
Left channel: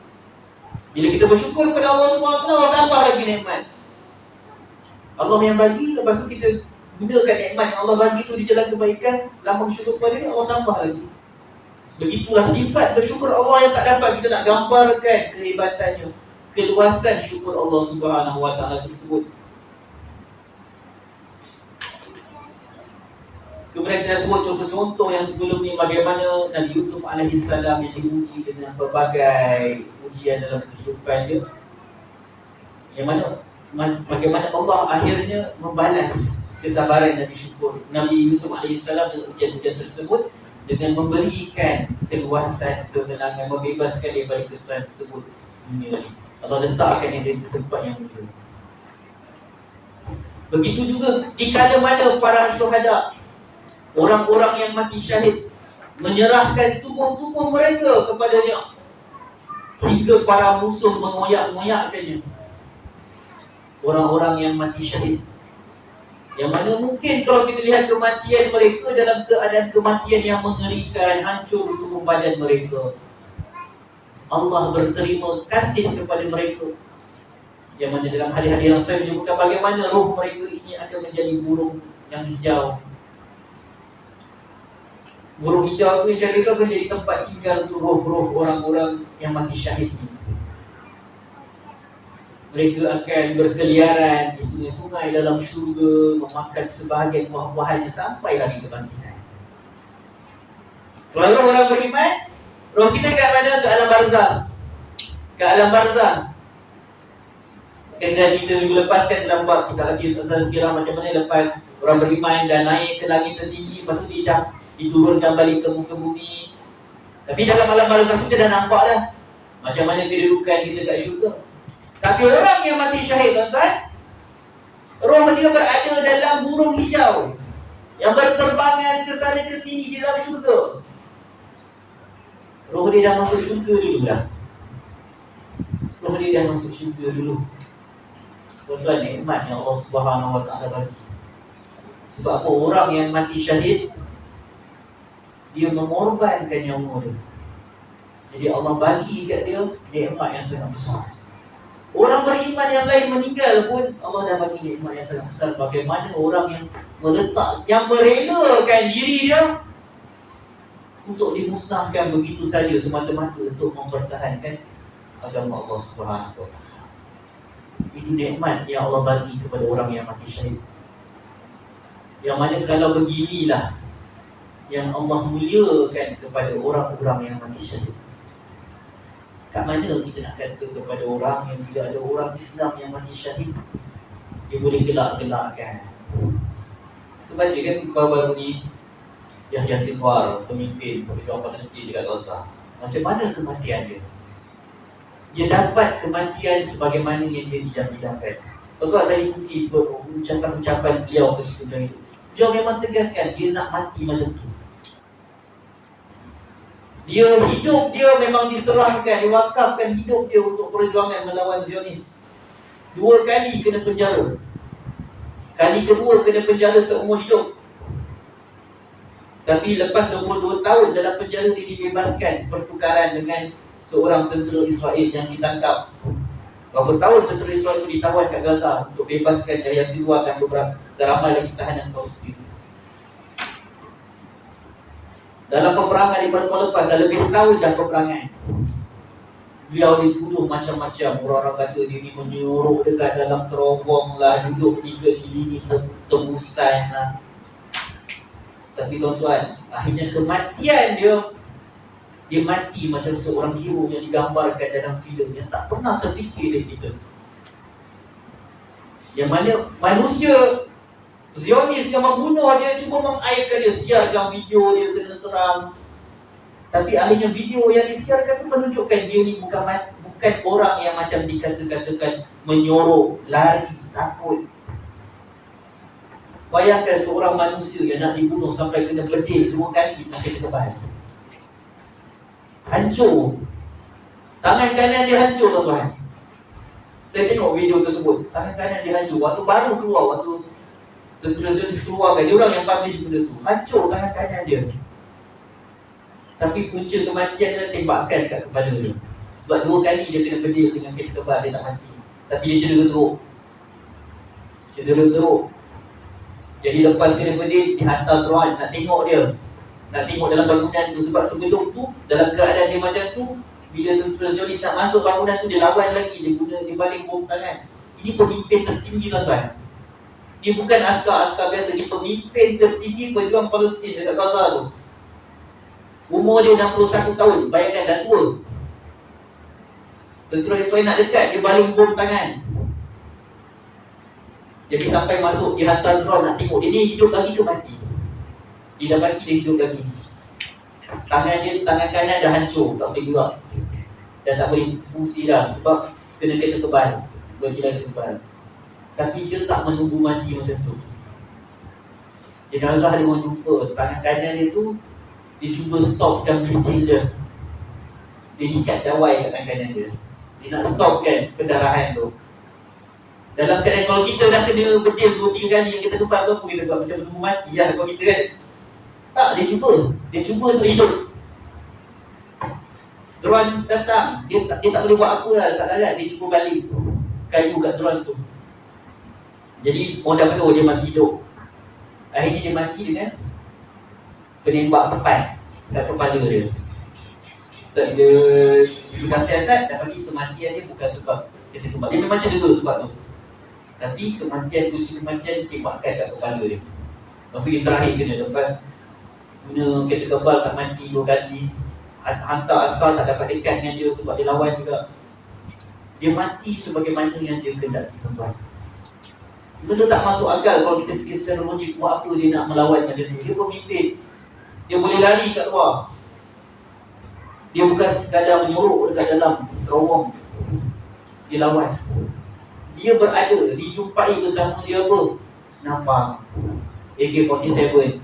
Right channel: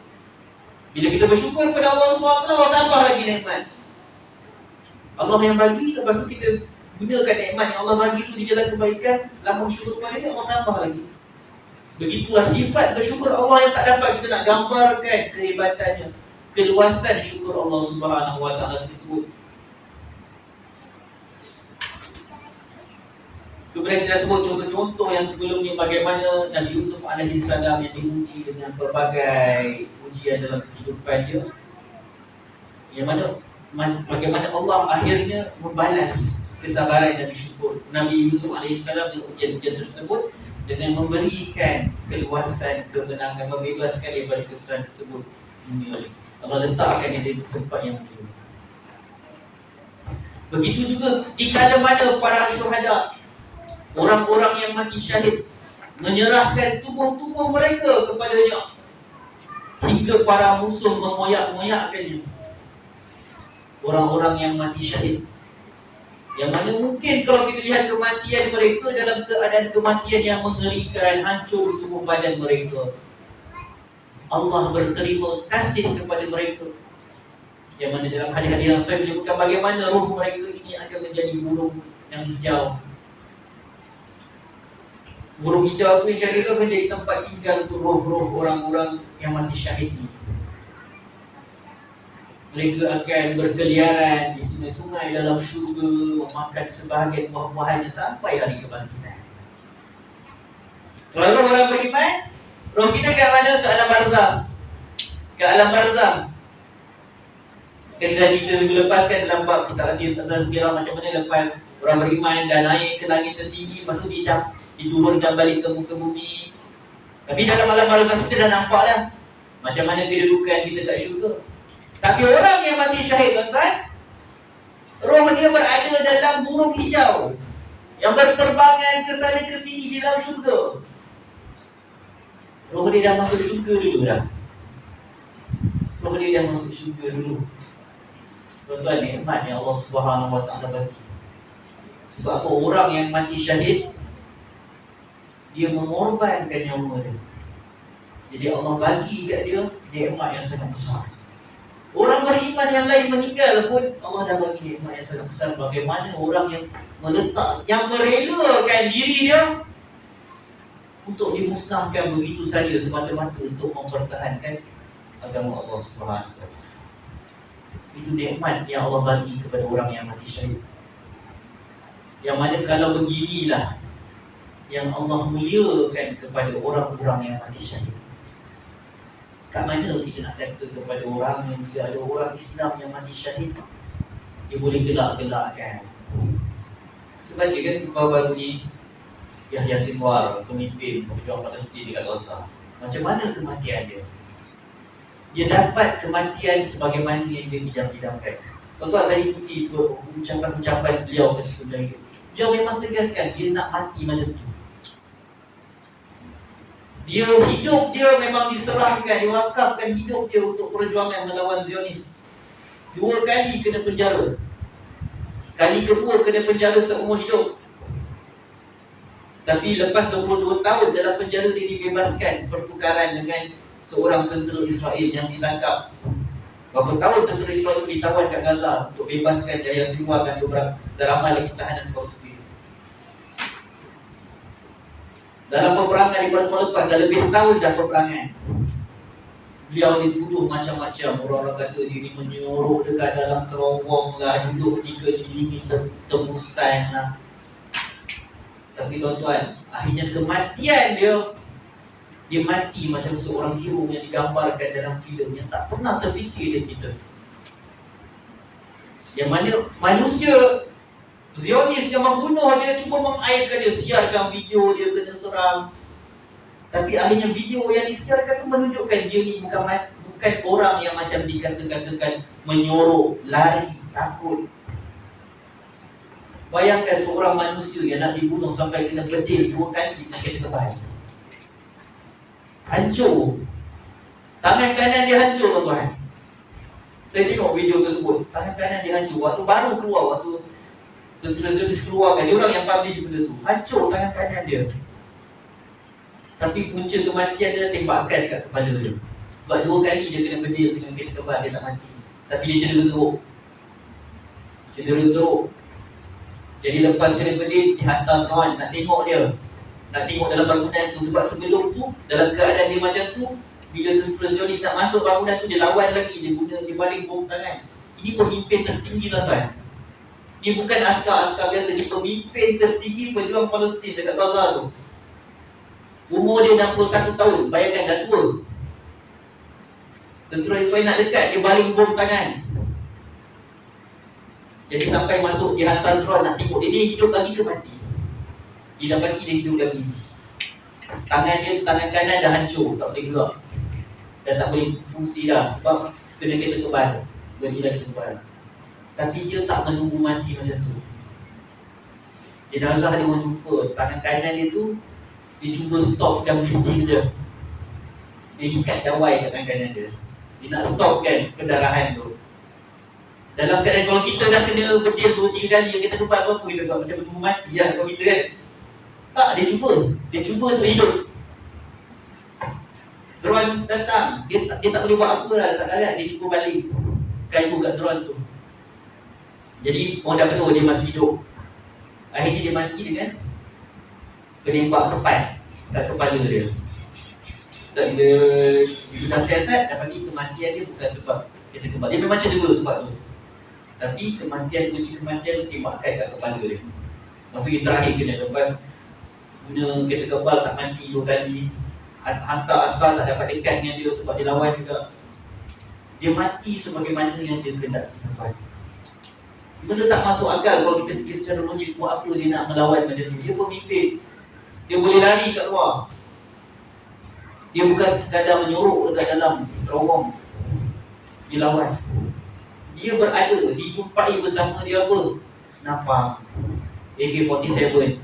Bila kita bersyukur kepada Allah SWT, Allah tambah lagi nikmat. Allah yang bagi, lepas tu kita gunakan nikmat yang Allah bagi tu di jalan kebaikan. Selama bersyukur kepada dia, Allah tambah lagi. Begitulah sifat bersyukur Allah yang tak dapat kita nak gambarkan kehebatannya, keluasan syukur Allah Subhanahu wa taala tersebut. Kemudian kita sebut contoh-contoh yang sebelum ni, bagaimana Nabi Yusuf AS yang diuji dengan berbagai ujian dalam kehidupan dia, yang mana bagaimana Allah akhirnya membalas kesabaran Nabi Yusuf AS dengan ujian-ujian tersebut dengan memberikan keluasan, kemenangan, membebaskan daripada kesusahan tersebut. Allah letakkan dia di tempat yang mulia. Begitu juga di kala mana para syuhada, orang-orang yang mati syahid, menyerahkan tubuh-tubuh mereka kepadanya hingga para musuh mengoyak-ngoyakkannya. Orang-orang yang mati syahid, yang mana mungkin kalau kita lihat kematian mereka dalam keadaan kematian yang mengerikan, hancur tubuh badan mereka, Allah berterima kasih kepada mereka. Yang mana dalam hadis-hadis yang saya menyebutkan bagaimana roh mereka ini akan menjadi burung yang hijau. Burung hijau tu yang jadi tu akan jadi tempat tinggal untuk roh-roh orang-orang yang mati syahid ni. Mereka akan berkeliaran di sungai-sungai dalam syurga, memakan sebahagian buah-buahannya sampai hari kebangkitan. Kalau orang beriman, roh kita ke mana? Ke alam barzakh. Ke alam barzakh. Kita cerita minggu lepas kan dalam bab kita Tazkirah macam mana lepas orang beriman dan naik ke langit tertinggi, lepas tu diturunkan balik ke muka bumi. Tapi dalam alam barzakh kita dah nampak dah macam mana kedudukan kita kat syurga. Tapi orang yang mati syahid, tuan-tuan, roh dia berada dalam burung hijau yang berterbangan ke sana ke sini di dalam syurga. Roh dia dah masuk syurga dulu dah. Roh dia dah masuk syurga dulu. Tuan-tuan, nikmat yang Allah Subhanahu Wa Taala bagi. Sebab apa? Orang yang mati syahid, dia mengorbankan nyawa dia. Jadi Allah bagi kat dia nikmat yang sangat besar. Orang beriman yang lain meninggal pun Allah dah bagi nikmat yang sangat besar. Bagaimana orang yang meletak, yang merelakan diri dia untuk dimusnahkan begitu saja semata-mata untuk mempertahankan agama Allah Subhanahu Wa Taala. Itu nikmat yang Allah bagi kepada orang yang mati syahid. Yang mana kalau beginilah yang Allah muliakan kepada orang-orang yang mati syahid. Kat mana kita nak kata kepada orang yang bila ada orang Islam yang mati syahid, dia boleh gelak-gelakkan. Kita baca kan baru-baru ni Yahya Sinwar, pemimpin pejuang Palestin dekat Gaza. Macam mana kematian dia? Dia dapat kematian sebagaimana yang dia idam-idamkan. Tuan-tuan, saya ikuti ucapan-ucapan beliau ketika itu. Beliau memang tegaskan dia nak mati macam tu. Dia hidup dia memang diserahkan, diwakafkan hidup dia untuk perjuangan melawan Zionis. 2 kali kena penjara. Kali kedua kena penjara seumur hidup. Tapi lepas 22 tahun dalam penjara dia dibebaskan pertukaran dengan seorang tentera Israel yang ditangkap. Berapa tahun tentera Israel itu ditawan kat Gaza untuk bebaskan Yahya Sinwar dan beberapa ramai lagi tahanan Palestin. Dalam peperangan di pertemuan lepas, dah lebih setahun dah peperangan. Beliau dituduh macam-macam. Orang-orang kata dia ni menyuruh dekat dalam terowong lah, hidup dikelilingi tebusan lah. Tapi tuan-tuan, akhirnya kematian dia mati macam seorang hero yang digambarkan dalam filem yang tak pernah terfikir oleh kita. Yang mana manusia Zionis yang membunuh dia, cuba mengairkan dia, siarkan video dia kena serang. Tapi akhirnya video yang disiarkan tu menunjukkan dia ni bukan orang yang macam dikatakan menyorok, lari, takut. Bayangkan seorang manusia yang nak dibunuh sampai kena bedil 2 kali nak kena kebal. Hancur. Tangan kanan dia hancur, tuan-tuan. Saya tengok video tersebut. Tangan kanan dia hancur. Waktu baru keluar, waktu tentera Zionis keluarkan, dia orang yang publish benda tu. Hancur tangan kanan dia. Tapi punca kematian dia tembakan kat kepala dia. Sebab 2 kali dia kena bedil dengan kereta kebal, dia tak mati. Tapi dia cedera teruk. Cedera teruk. Jadi lepas kena bedil, dihantar drone nak tengok dia. Nak tengok dalam bangunan tu. Sebab sebelum tu, dalam keadaan dia macam tu, bila tentera Zionis nak masuk bangunan tu, dia lawan lagi. Dia baling bom tangan. Ini pemimpin tertinggi, tuan-tuan. Dia bukan askar-askar biasa. Dia pemimpin tertinggi pejuang Palestin dekat Gaza tu. Umur dia 61 tahun. Bayangkan dah tua. Tentera Israel nak dekat, dia baling bom tangan. Jadi sampai masuk, dia hantar drone nak tengok dia ni hidup lagi ke mati. Dia dapati dia hidup lagi. Tangan kanan dah hancur, tak boleh gerak. Dah tak boleh fungsi dah. Sebab kena kereta kebal. Bergila kebal. Tapi dia tak menunggu mati macam tu. Jenazah dia orang jumpa, tangan kanan dia tu, dia cuba stopkan bleeding dia. Dia ikat dawai kat tangan kanan dia. Dia nak stopkan pendarahan tu. Dalam keadaan kalau kita dah kena bedil 2-3 kali yang kita kebal tu, apa kita buat? Macam menunggu mati lah kalau kita kan. Tak, dia cuba untuk hidup. Drone datang, dia tak boleh buat apa lah, tak larat, dia cuba balik kayu kat drone tu. Jadi orang dah kata dia masih hidup. Akhirnya dia mati dengan penembak tepat kat kepala dia. Sebab dia dah siasat, dapati kematian dia bukan sebab Kita kembali. Dia memang cedera sebab tu. Tapi kematian, kunci kematian tembakan kat kepala dia. Maksudnya yang terakhir kena lepas guna kereta kebal tak mati 2 kali, hantar askar tak dapat dekat dengan dia sebab dia lawan juga. Dia mati sebagaimana yang dia kehendaki tuan. Benda tak masuk akal kalau kita fikir secara logik. Buat apa dia nak melawan macam tu? Dia pemimpin, dia boleh lari kat luar. Dia bukan sekadar menyorok dekat dalam terowong, dia lawan. Dia berada, dijumpai bersama dia apa? Senapang AK-47.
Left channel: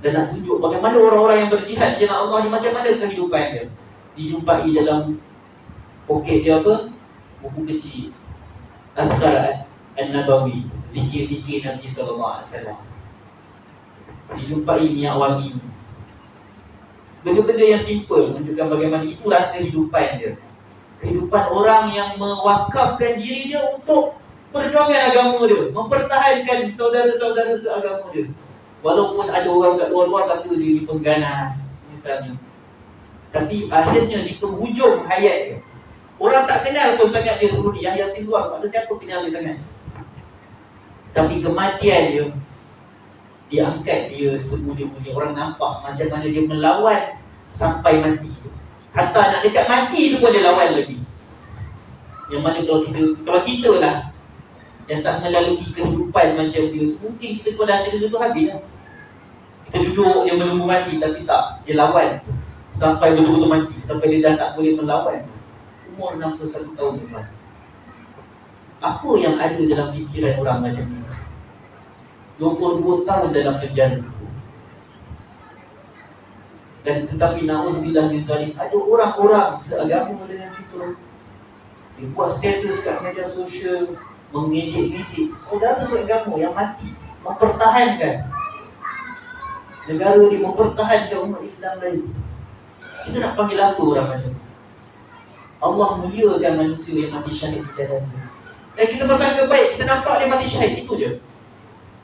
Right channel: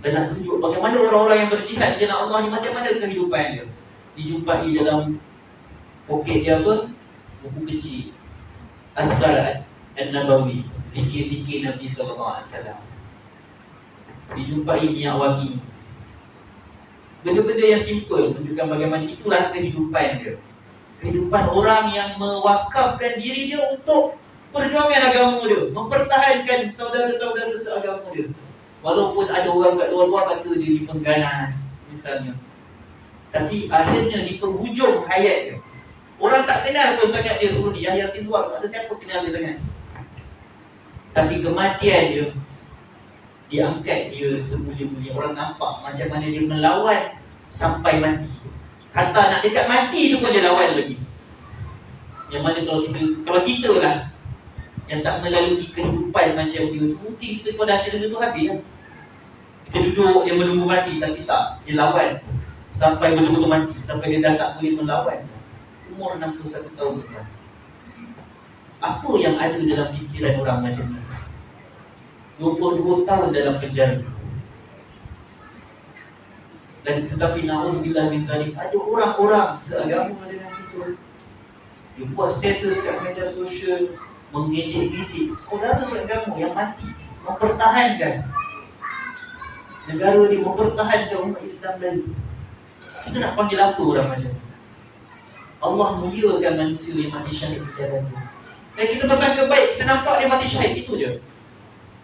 Dan nak tunjuk bagaimana orang-orang yang berjihad di jalan Allah ni, macam mana kehidupan dia. Dijumpai dalam poket dia apa? Buku kecil Azkar An-Nabawi, zikir-zikir Nabi SAW. Dijumpai minyak wangi. Benda-benda yang simple menunjukkan bagaimana itulah kehidupan dia. Kehidupan orang yang mewakafkan diri dia untuk perjuangan agama dia, mempertahankan saudara-saudara seagama dia. Walaupun ada orang kat luar-luar kata dia ni pengganas misalnya, tapi akhirnya di penghujung hayat dia, orang tak kenal pun sangat dia sebelum ni. Yahya Sinwar, tak ada siapa kenal dia sangat. Tapi kematian dia diangkat dia semulia-mulia. Orang nampak macam mana dia melawan sampai mati. Hatta nak dekat mati tu pun dia lawan lagi. Yang mana kalau kita lah yang tak melalui kehidupan macam dia tu, mungkin kita kalau dah cedera tu habis lah. Kita duduk, dia menunggu mati, tapi tak, dia lawan sampai betul-betul mati, sampai dia dah tak boleh melawan. Umur 61 tahun tuan. Apa yang ada dalam fikiran orang macam ni? 22 tahun dalam penjara. Dan tetapi na'udzubillah min zalik, ada orang-orang seagama dengan kita. Dia buat status kat media sosial, mengejek-ejek saudara seagama yang mati, mempertahankan negara dia, mempertahankan umat Islam lain. Kita nak panggil apa orang macam ni? Allah muliakan manusia yang mati syahid di jalan dia. Dan kita bersangka baik, kita nampak dia mati syahid, itu je.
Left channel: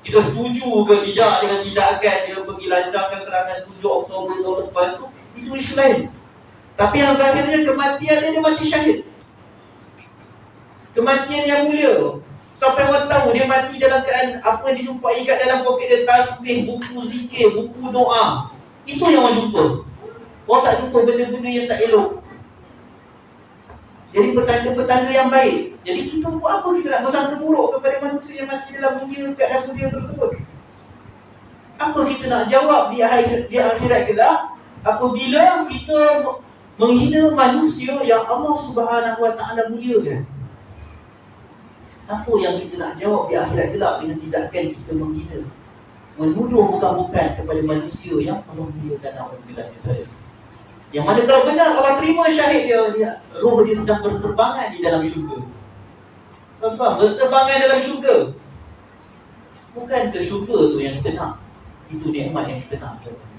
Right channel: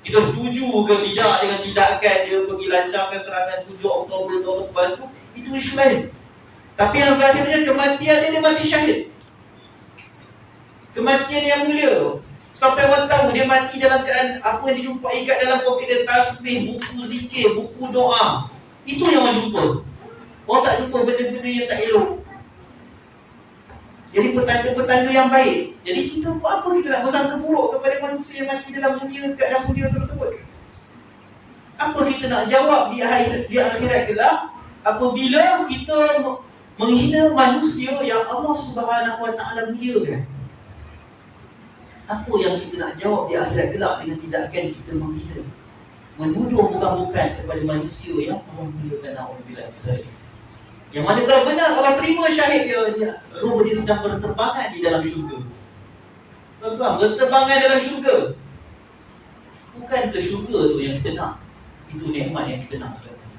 Kita setuju ke tidak dengan tindakan dia pergi lancarkan serangan 7 Oktober tahun lepas tu, itu isu lain. Tapi yang akhirnya kematian dia mati syahid. Kematian yang mulia. Sampai orang tahu dia mati dalam keadaan apa yang dijumpai kat dalam poket dia, tasbih, buku zikir, buku doa. Itu yang orang jumpa. Orang tak jumpa benda-benda yang tak elok. Jadi petanda-petanda yang baik. Jadi kita buat apa kita nak bersangka buruk kepada manusia yang mati dalam mulia, keadaan mulia tersebut? Apa kita nak jawab di akhirat kelak apabila kita menghina manusia yang Allah Subhanahu Wa Taala muliakan? Apa yang kita nak jawab di akhirat kelak dengan tindakan kita menghina, menuduh bukan-bukan kepada manusia yang Allah muliakan? Alhamdulillah. Yang mana kalau benar Allah terima syahid dia, roh dia sedang berterbangan di dalam syurga. Tuan-tuan, berterbangan dalam syurga. Bukan ke syurga tu yang kita nak. Itu nikmat yang kita nak sekarang.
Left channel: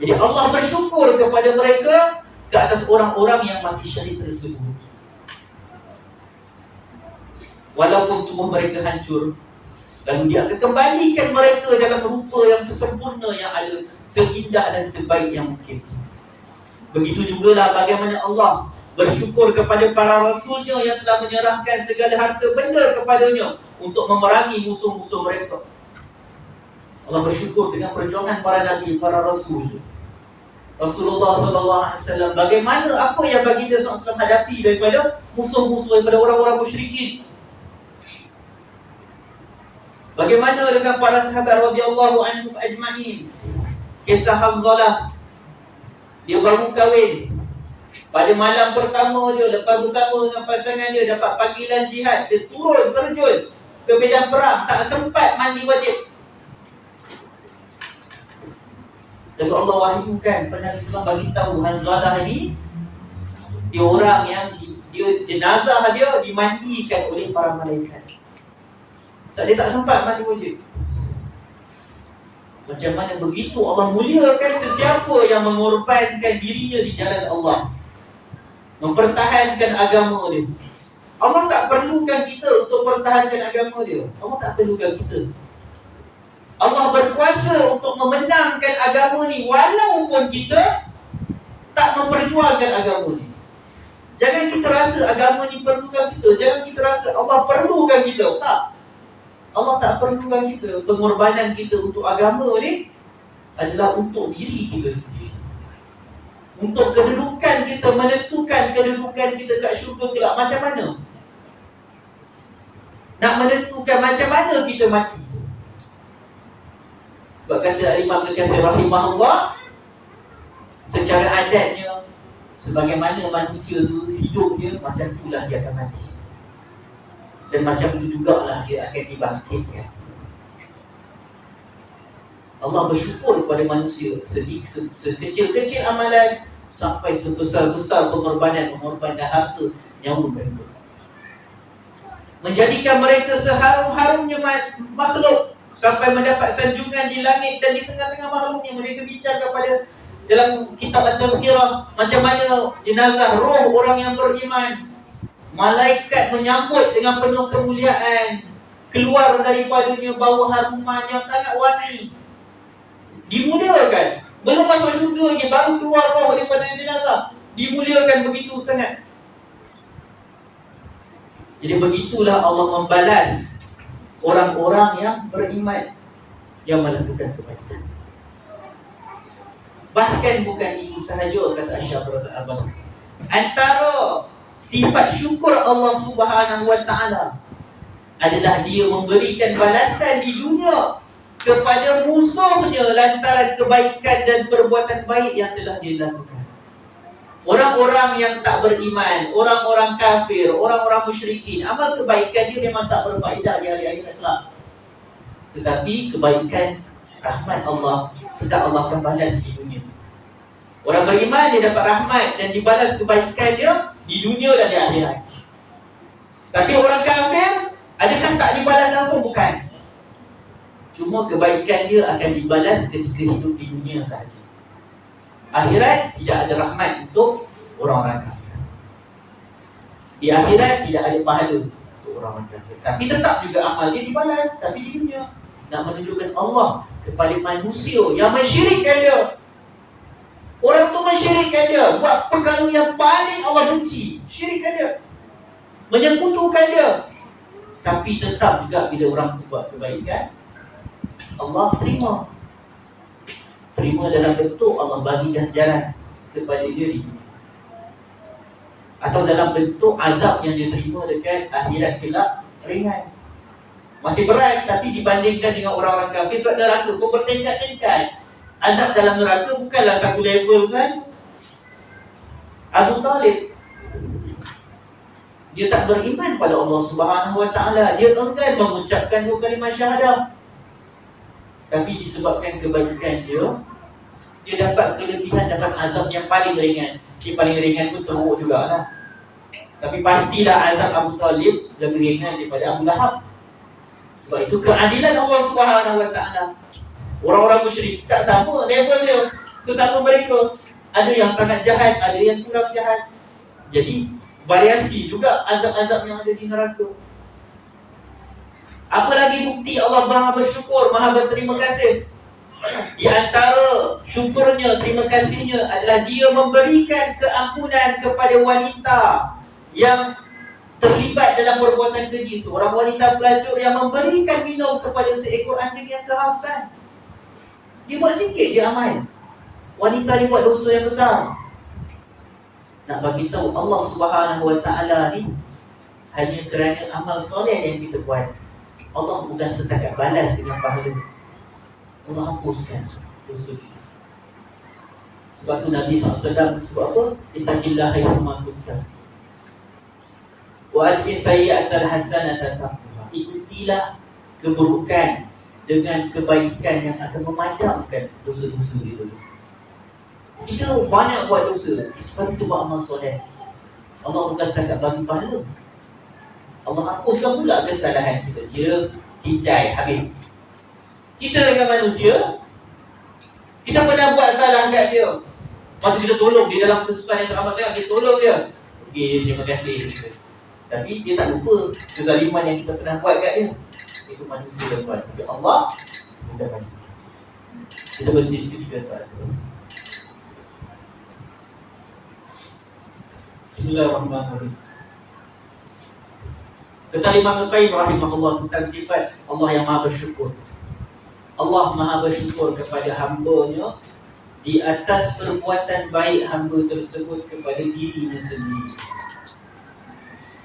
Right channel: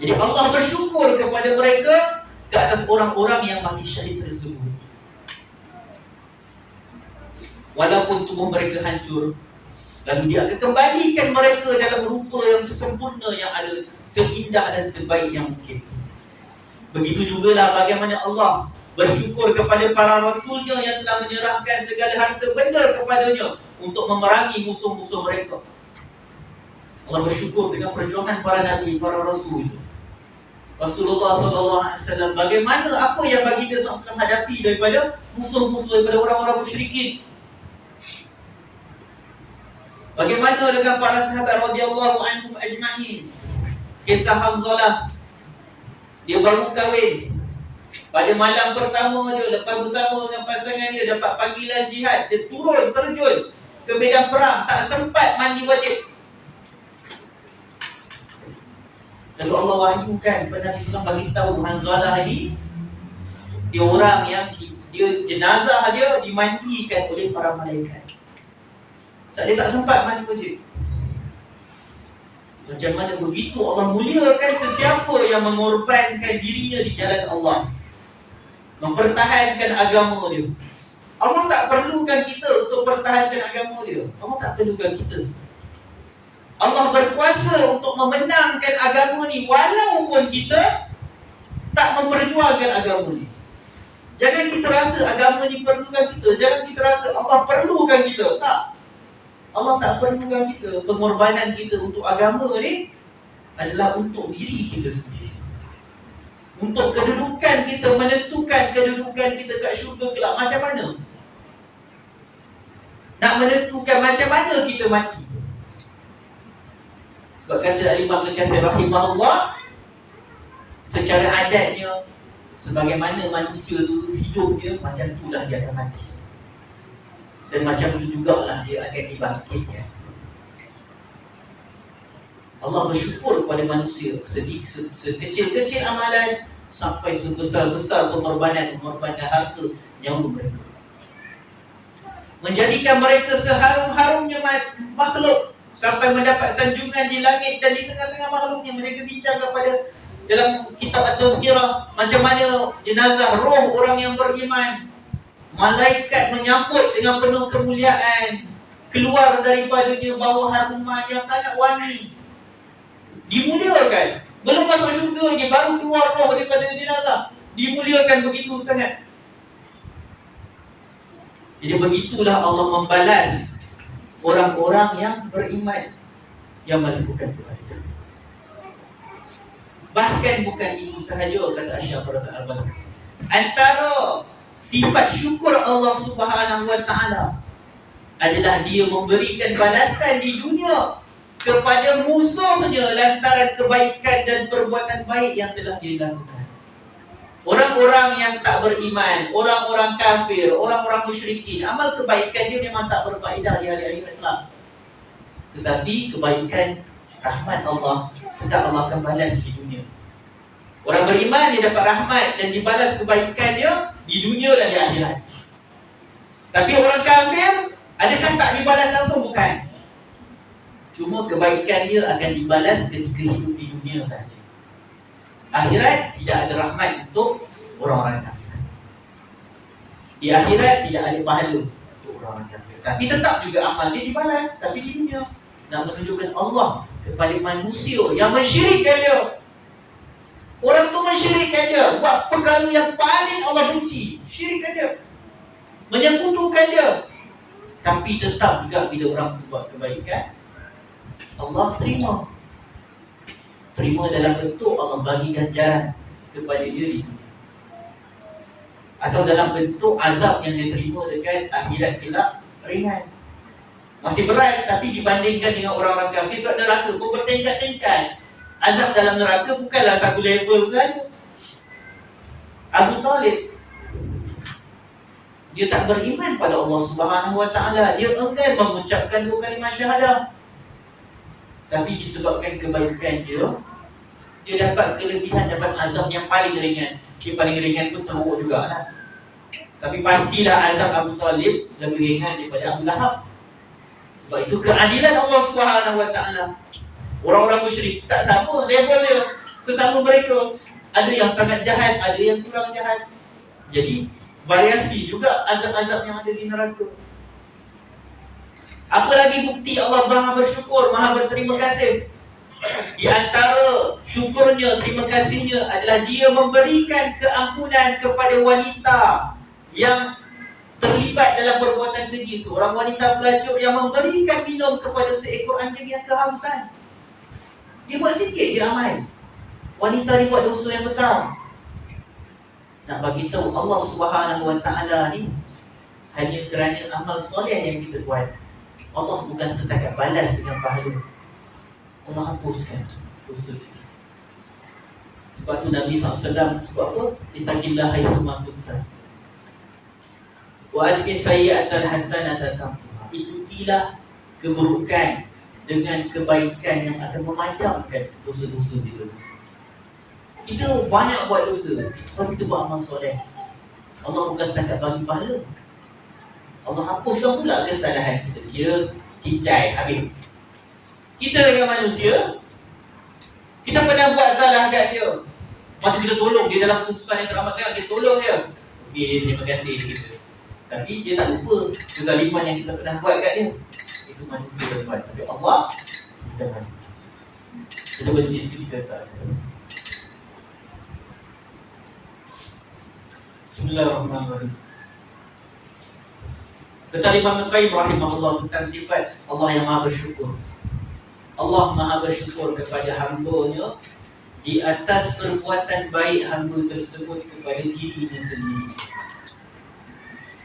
Jadi Allah bersyukur kepada mereka ke atas orang-orang yang mati syahid tersebut. Walaupun tubuh mereka hancur, lalu dia akan kembalikan mereka dalam rupa yang sesempurna, yang ada seindah dan sebaik yang mungkin. Begitu jugalah bagaimana Allah bersyukur kepada para rasulnya yang telah menyerahkan segala harta benda kepadanya untuk memerangi musuh-musuh mereka. Allah bersyukur dengan perjuangan para nabi, para rasul. Rasulullah SAW, bagaimana apa yang baginda SAW hadapi daripada musuh-musuh, daripada orang-orang musyrikin. Bagaimana dengan para sahabat radhiyallahu anhum ajma'in. Kisah Hanzalah, dia baru kahwin. Pada malam pertama dia, lepas bersama dengan pasangan dia, dapat panggilan jihad. Dia terjun ke medan perang, tak sempat mandi wajib. Lalu Allah wahyukan pada Nabi SAW bagi tahu Hanzalah ni, dia orang yang dia jenazah dia dimandikan oleh para malaikat. Sebab dia tak sempat mandi wajib. Macam mana begitu Allah muliakan sesiapa yang mengorbankan dirinya di jalan Allah, mempertahankan agama dia. Allah tak perlukan kita untuk pertahankan agama dia. Allah tak perlukan kita. Allah berkuasa untuk memenangkan agama ni walaupun kita tak memperjuangkan agama ni. Jangan kita rasa agama ni perlukan kita. Jangan kita rasa Allah perlukan kita. Tak. Allah tak perlukan kita. Pengorbanan kita untuk agama ni adalah untuk diri kita sendiri. Untuk kedudukan kita, menentukan kedudukan kita kat syurga kelak macam mana. Nak menentukan macam mana kita mati. Sebab kata Al-Imam Ibn Katsir rahimahullah, secara adatnya, sebagaimana manusia tu hidup dia, macam itulah dia akan mati. Dan macam tu jugalah dia akan dibangkitkan. Allah bersyukur kepada manusia, sekecil-kecil amalan sampai sebesar-besar pengorbanan harta nyawa mereka, menjadikan mereka seharum-harumnya makhluk, sampai mendapat sanjungan di langit dan di tengah-tengah makhluknya. Mereka bincang kepada dalam kitab At-Tazkirah macam mana jenazah roh orang yang beriman, malaikat menyambut dengan penuh kemuliaan, keluar daripadanya bau haruman yang sangat wangi, dimuliakan. Belum masuk syurga lagi, baru keluar roh daripada jenazah, dimuliakan begitu sangat. Jadi begitulah Allah membalas orang-orang yang beriman, yang melakukan kebaikan. Bahkan bukan itu sahaja, kata Asy-Syaikh Razak Al-Badr, antara sifat syukur Allah Subhanahu wa taala adalah dia memberikan balasan di dunia kepada musuhnya lantaran kebaikan dan perbuatan baik yang telah dia lakukan. Orang-orang yang tak beriman, orang-orang kafir, orang-orang musyrikin, amal kebaikan dia memang tak berfaedah di hari akhirat kelak. Tetapi kebaikan rahmat Allah tetap Allah akan balas di dunia. Orang beriman dia dapat rahmat dan dibalas kebaikan dia di dunia dan di akhirat. Tapi orang kafir, adakah tak dibalas langsung? Bukan. Cuma kebaikan dia akan dibalas ketika hidup di dunia sahaja. Akhirat tidak ada rahmat untuk orang-orang kafir. Di akhirat tidak ada pahala untuk orang-orang kafir. Tapi tetap juga amal dia dibalas, tapi di dunia. Nak menunjukkan Allah kepada manusia yang mensyirikkan dia. Orang tu mensyirikkan dia, buat perkara yang paling Allah benci, syirikkan dia, menyekutukan dia. Tapi tetap juga bila orang tu buat kebaikan, Allah terima dalam bentuk Allah bagi ganjaran kepada dia, atau dalam bentuk azab yang dia terima dekat akhirat kelak ringan. Masih berat, tapi dibandingkan dengan orang-orang kafir, sebab neraka pun bertingkat-tingkat. Azab dalam neraka bukanlah satu level saja. Abu Talib, dia tak beriman pada Allah Subhanahu wa taala. Dia enggan mengucapkan 2 kalimah syahadah. Tapi disebabkan kebaikan dia dapat kelebihan, dapat azab yang paling ringan. Yang paling ringan pun teruk jugalah. Tapi pastilah azab Abu Talib lebih ringan daripada Abu Lahab. Sebab itu keadilan Allah Subhanahu wa taala. Orang-orang musyrik tak sama level dia, sesama mereka. Ada yang sangat jahat, ada yang kurang jahat. Jadi variasi juga azab-azab yang ada di neraka. Apa lagi bukti Allah Maha bersyukur, Maha berterima kasih? Di antara syukurnya, terima kasihnya adalah dia memberikan keampunan kepada wanita yang terlibat dalam perbuatan keji. Seorang wanita pelacur yang memberikan minum kepada seekor anjing yang kehausan. Dia buat sikit je amal. Wanita ni buat dosa yang besar. Nak bagi tahu Allah Subhanahu wa taala ni hanya kerana amal soleh yang kita buat, Allah bukan setakat balas dengan pahala, Allah hapuskan dosa kita. Sebab tu Nabi SAW sebab apa? Ittaqillah haitsuma kunta wa atqi sayyi'atal hasanata tamhuha. Ikutilah keburukan dengan kebaikan yang akan memadamkan dosa-dosa kita. Kita banyak buat dosa, tapi kita buat amal soleh, Allah bukan setakat bagi pahala, Allah hapuskan pula kesalahan kita. Kira cincai habis. Kita dengan manusia, kita pernah buat salah kat dia, lepas tu kita tolong dia dalam kesusahan yang teramat sangat, kita tolong dia. Okey, dia terima kasih kita. Tapi dia tak lupa kezaliman yang kita pernah buat kat dia. Itu manusia yang buat. Tapi Allah bukan manusia. Kita berhenti seketika tak. Bismillahirrahmanirrahim. Kata Imam Al-Qayyim rahimahullah tentang sifat Allah yang maha bersyukur. Allah maha bersyukur kepada hamba-Nya di atas perbuatan baik hamba tersebut kepada dirinya sendiri.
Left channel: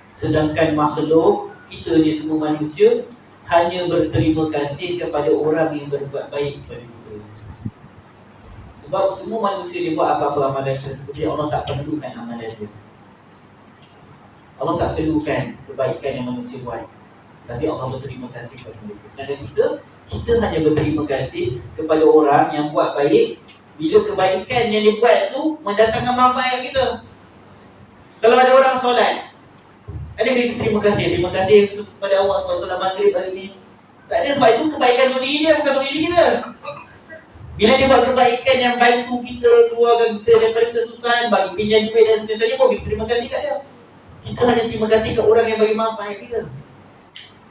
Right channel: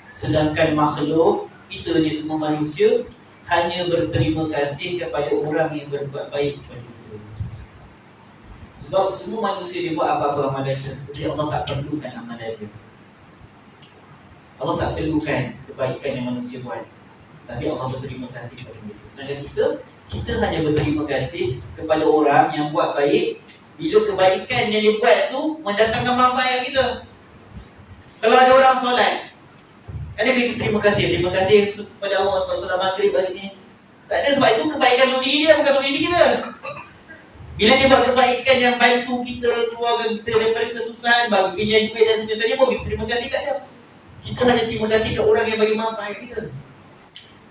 Sedangkan makhluk, kita ni semua manusia, hanya berterima kasih kepada orang yang berbuat baik kepada kita. Sebab semua manusia dia buat apa-apa amalan tersebut, Allah tak perlukan amalan dia. Allah tak perlukan kebaikan yang manusia buat, tapi Allah berterima kasih kepada mereka. Sedangkan kita hanya berterima kasih kepada orang yang buat baik bila kebaikan yang dia buat tu mendatangkan manfaat kita. Kalau ada orang solat, ada kita terima kasih kepada Allah sebab solat maghrib hari ni. Tak ada, sebab itu kebaikan untuk diri dia, bukan untuk diri kita. Bila dia buat kebaikan yang baik tu, kita keluarkan kita daripada kesusahan, bagi pilihan duit dan sebagainya, pun kita terima kasih kat dia. Kita hanya terima kasih ke orang yang bagi manfaat kita.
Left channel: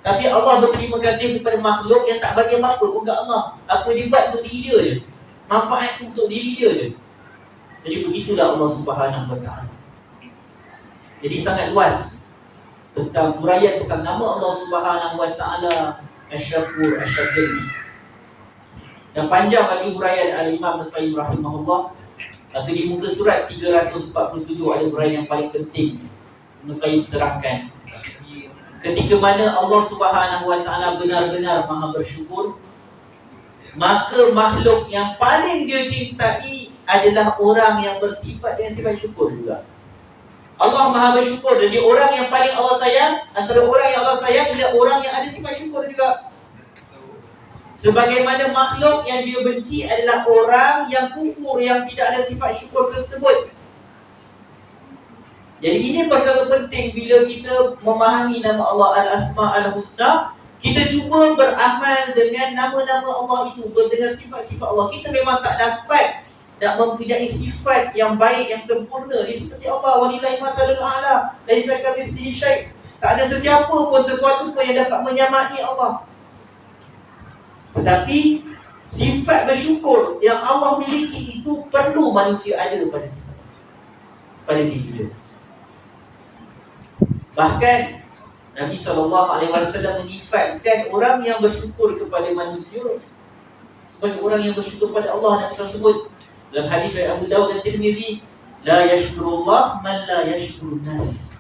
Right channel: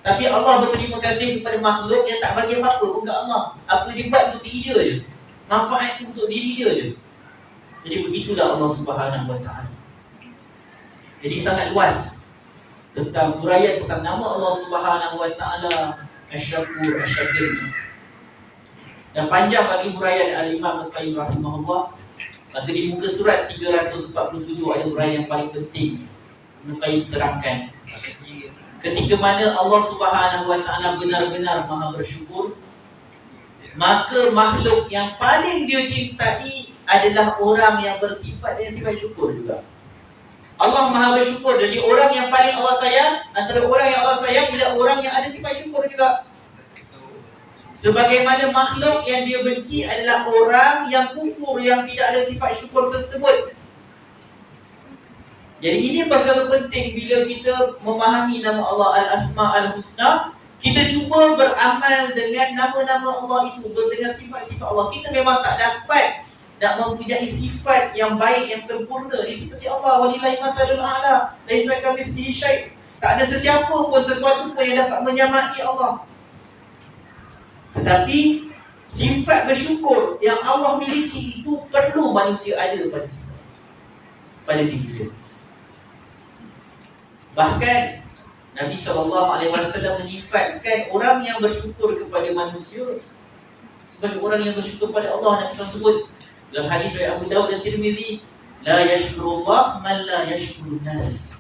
Tapi Allah berterima kasih kepada makhluk yang tak bagi apa-apa pun kat Allah. Apa dia buat untuk diri dia je, manfaat tu untuk diri dia je. Jadi begitulah Allah Subhanahu Wa Taala. Jadi sangat luas tentang huraian tentang nama Allah Subhanahu Wa Taala Asy-Syakur Asy-Syakir ni. Dan panjang lagi huraian Al-Imam Al-Qayyim rahimahullah. Maka di muka surat 347 ada huraian yang paling penting Al-Qayyim terangkan. Ketika mana Allah Subhanahu Wa Taala benar-benar maha bersyukur, maka makhluk yang paling dia cintai adalah orang yang bersifat dengan sifat syukur juga. Allah maha bersyukur, jadi orang yang paling Allah sayang, antara orang yang Allah sayang ialah orang yang ada sifat syukur juga. Sebagaimana makhluk yang dia benci adalah orang yang kufur, yang tidak ada sifat syukur tersebut. Jadi ini perkara penting bila kita memahami nama Allah Al-Asma Al-Husna. Kita cuba beramal dengan nama-nama Allah itu, dengan sifat-sifat Allah. Kita memang tak dapat nak mempunyai sifat yang baik, yang sempurna. Dia seperti Allah, walillahi mathalul a'la, laisa kamitslihi syai'. Tak ada sesiapa pun, sesuatu pun yang dapat menyamai Allah. Tetapi sifat bersyukur yang Allah miliki itu perlu manusia ada pada sifat, pada diri dia. Bahkan Nabi SAW menyifatkan orang yang bersyukur kepada manusia sebagai orang yang bersyukur pada Allah. Nabi SAW sebut dalam hadis riwayat Abu Dawud dan Tirmizi, la yashkurullah man la yashkurun nas.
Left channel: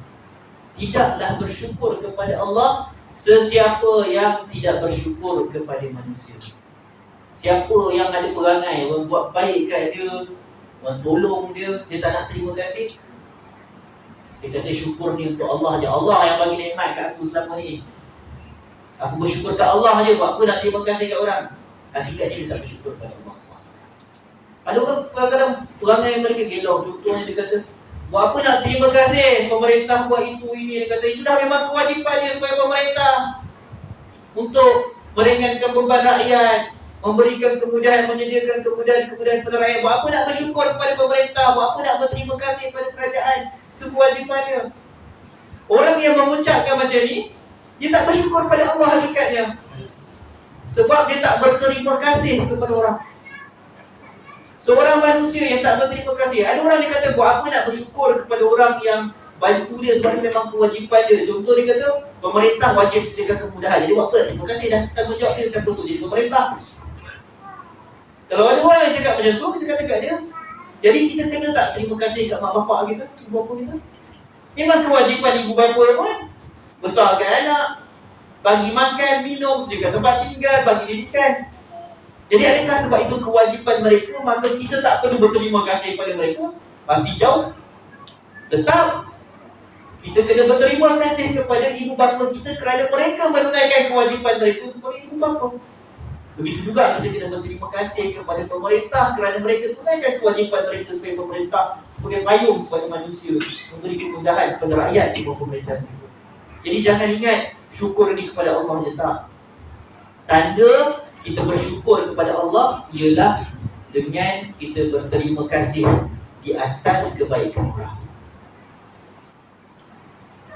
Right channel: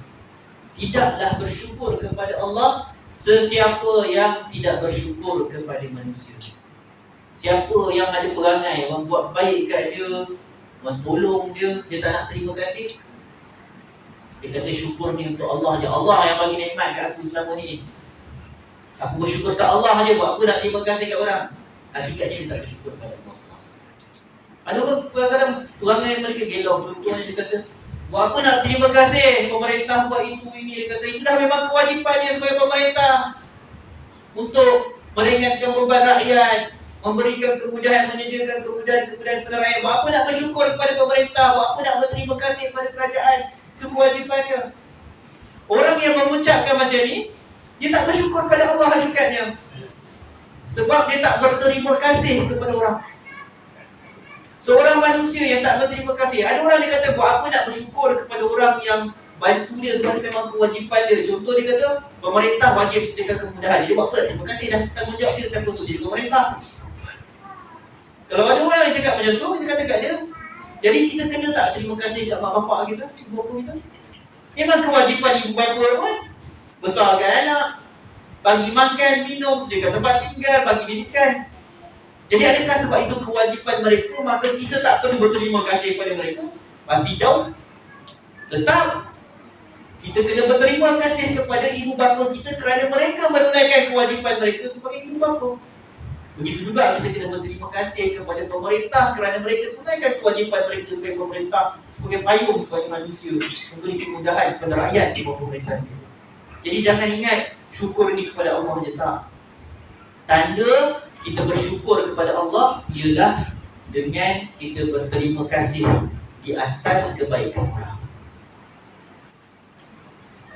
Tidaklah bersyukur kepada Allah sesiapa yang tidak bersyukur kepada manusia. Siapa yang ada perangai, orang buat baik kat dia, orang tolong dia, dia tak nak terima kasih, dia kata syukur ni untuk Allah je. Allah yang bagi nikmat kat aku selama ni. Aku bersyukur kat Allah je, buat apa nak terima kasih kat orang. Hakikatnya dia tak bersyukur pada Allah. Ada orang kadang-kadang perangai mereka gelau. Contohnya dia kata, buat apa nak terima kasih pemerintah buat itu ini. Dia kata itu dah memang kewajipan dia sebagai pemerintah untuk meringankan beban rakyat, memberikan kemudahan, menyediakan kemudahan kepada rakyat. Buat apa nak bersyukur kepada pemerintah, buat apa nak berterima kasih kepada kerajaan. Itu kewajipan dia. Orang yang mengucapkan macam ni, dia tak bersyukur pada Allah hakikatnya. Sebab dia tak berterima kasih kepada orang. Seorang manusia yang tak berterima kasih. Ada orang dia kata, buat apa nak bersyukur kepada orang yang bantu dia sebab itu memang kewajipan dia. Contoh dia kata, pemerintah wajib sediakan kemudahan. Jadi buat apa nak terima kasih, dah tanggungjawab dia siapa suruh jadi pemerintah. Kalau ada orang yang cakap macam tu, kita kata kat dia, jadi kita kena tak terima kasih kat mak bapak kita, ibu bapa kita. Memang kewajipan ibu bapa pun besarkan anak, bagi makan, minum, sediakan tempat tinggal, bagi didikan. Jadi adakah sebab itu kewajipan mereka, maka kita tak perlu berterima kasih kepada mereka? Pasti jauh. Tetap kita kena berterima kasih kepada ibu bapa kita kerana mereka menunaikan kewajipan mereka sebagai ibu bapa. Begitu juga kita kena berterima kasih kepada pemerintah kerana mereka tunaikan kewajipan mereka sebagai pemerintah, sebagai payung kepada manusia, memberi kemudahan kepada rakyat di bawah pemerintahan itu. Jadi jangan ingat syukur ini kepada Allah je, tak. Tanda kita bersyukur kepada Allah ialah dengan kita berterima kasih di atas kebaikan orang.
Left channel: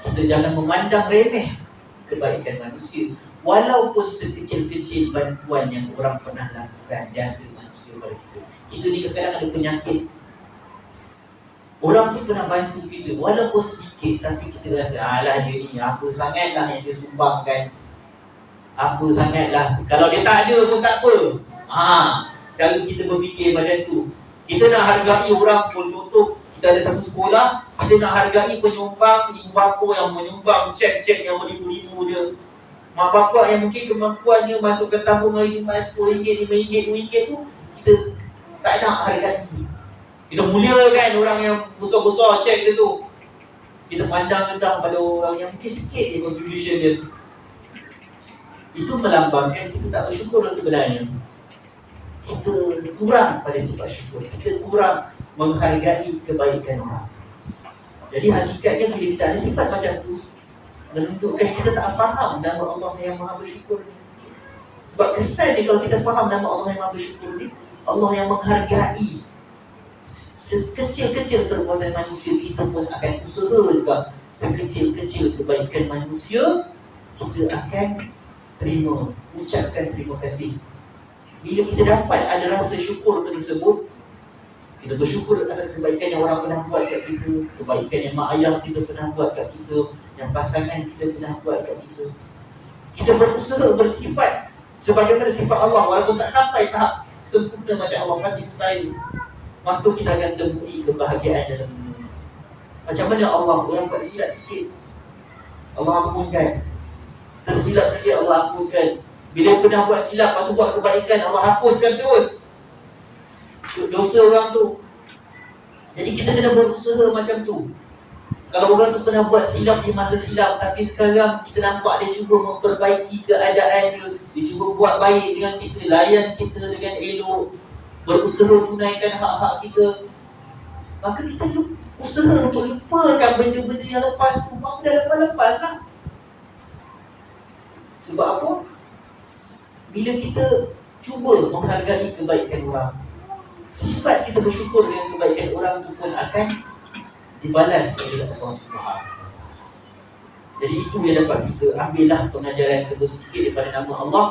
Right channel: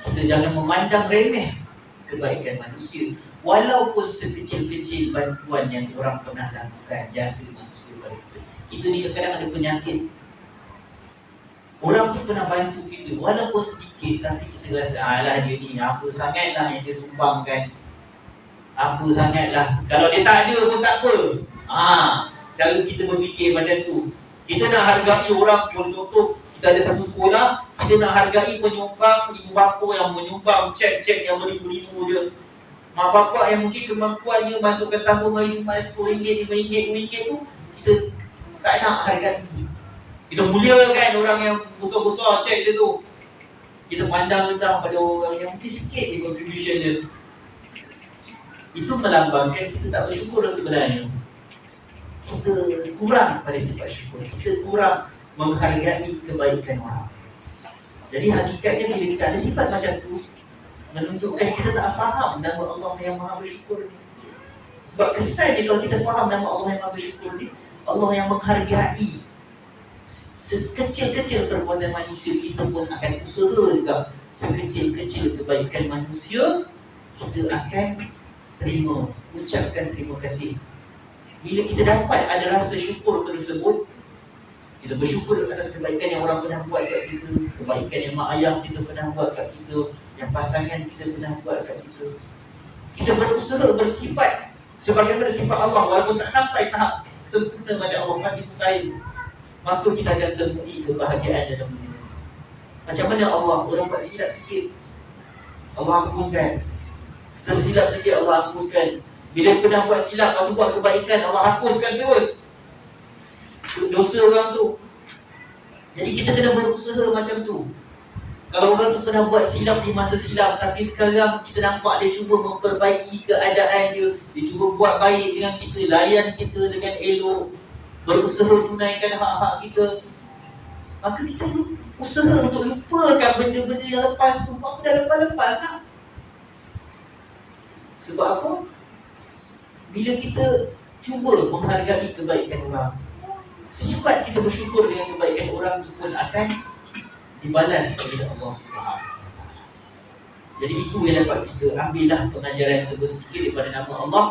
Kita jangan memandang remeh kebaikan manusia, walaupun sekecil-kecil bantuan yang orang pernah lakukan, jasa manusia pada kita. Kita ni kadang-kadang ada penyakit. Orang tu pernah bantu kita, walaupun sedikit, tapi kita rasa, alah dia ni, apa sangatlah yang dia sumbangkan, apa sangatlah. Kalau dia tak ada pun tak apa. Cara kita berfikir macam tu. Kita nak hargai orang pun, contoh, kita ada satu sekolah, kita nak hargai penyumbang, ibu bapa yang menyumbang cek-cek yang beribu-ribu je. Mak bapak yang mungkin kemampuannya masukkan tabung air RM5, RM10, RM5, RM2 tu, kita tak nak hargai. Kita muliakan orang yang besar-besar cek dia tu. Kita pandang rendah pada orang yang mungkin sikit je contribution dia. Itu melambangkan kita tak bersyukur sebenarnya. Kita kurang pada sifat syukur. Kita kurang menghargai kebaikan orang. Jadi hakikatnya bila kita ada sifat macam tu, menunjukkan kita tak faham nama Allah yang Maha Bersyukur ni. Sebab kesan dia kalau kita faham nama Allah yang Maha Bersyukur ni, Allah yang menghargai sekecil-kecil perbuatan manusia, kita pun akan usaha juga. Sekecil-kecil kebaikan manusia, kita akan terima, ucapkan terima kasih. Bila kita dapat ada rasa syukur tersebut, kita bersyukur atas kebaikan yang orang pernah buat kat kita, kebaikan yang mak ayah kita pernah buat kat kita, yang pasangan kita pernah buat kat kita. Kita berusaha bersifat sebagaimana sifat Allah, walaupun tak sampai tahap sempurna macam Allah, pasti mustahil. Maka kita akan temui kebahagiaan dalam dunia. Macam mana Allah, orang buat silap sikit, Allah ampunkan. Tersilap sikit, Allah hapuskan. Bila pernah buat silap, lepas tu buat kebaikan, Allah hapuskan terus dosa orang tu. Jadi kita kena berusaha macam tu. Kalau orang tu pernah buat silap di masa silap, tapi sekarang kita nampak dia cuba memperbaiki keadaan dia, dia cuba buat baik dengan kita, layan kita dengan elok, berusaha tunaikan hak-hak kita, maka kita usaha untuk lupakan benda-benda yang lepas tu. Apa dah lepas-lepas lah. Sebab apa? Bila kita cuba menghargai kebaikan orang, sifat kita bersyukur dengan kebaikan orang itu pun akan dibalas oleh Allah SWT. Jadi itu yang dapat kita ambillah pengajaran sedikit daripada nama Allah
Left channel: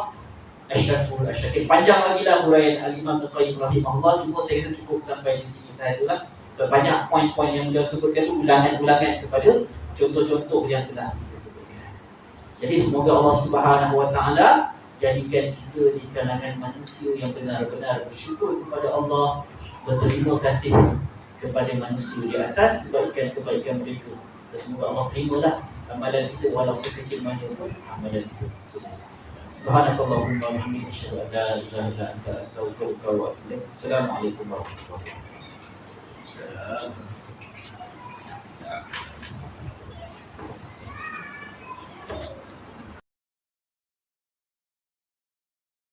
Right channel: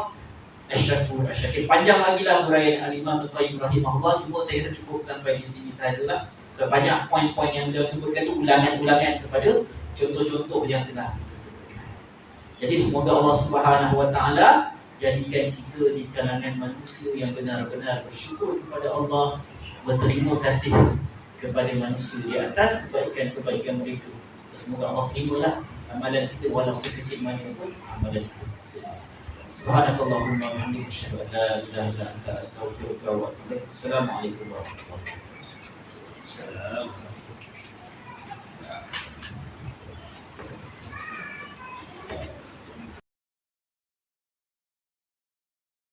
Asy-Syakur, Asy-Syakir. Panjang lagi lah huraian Al-Imam Ibnu Qayyim rahimahullah, cuma saya cukup sampai di sini sahajalah. So, banyak poin-poin yang beliau sebutkan itu ulangan-ulangan kepada contoh-contoh yang telah kita sebutkan. Jadi semoga Allah Subhanahu Wa Taala jadikan kita di kalangan manusia yang benar-benar bersyukur kepada Allah, berterima kasih kepada manusia di atas kebaikan-kebaikan mereka. Dan semoga Allah terimalah amalan kita walau sekecil mana pun amalan kita semua. Subhanakallahumma wa bihamdika asyhadu an la ilaha illa anta astaghfiruka wa atubu ilaik. Assalamualaikum warahmatullahi wabarakatuh.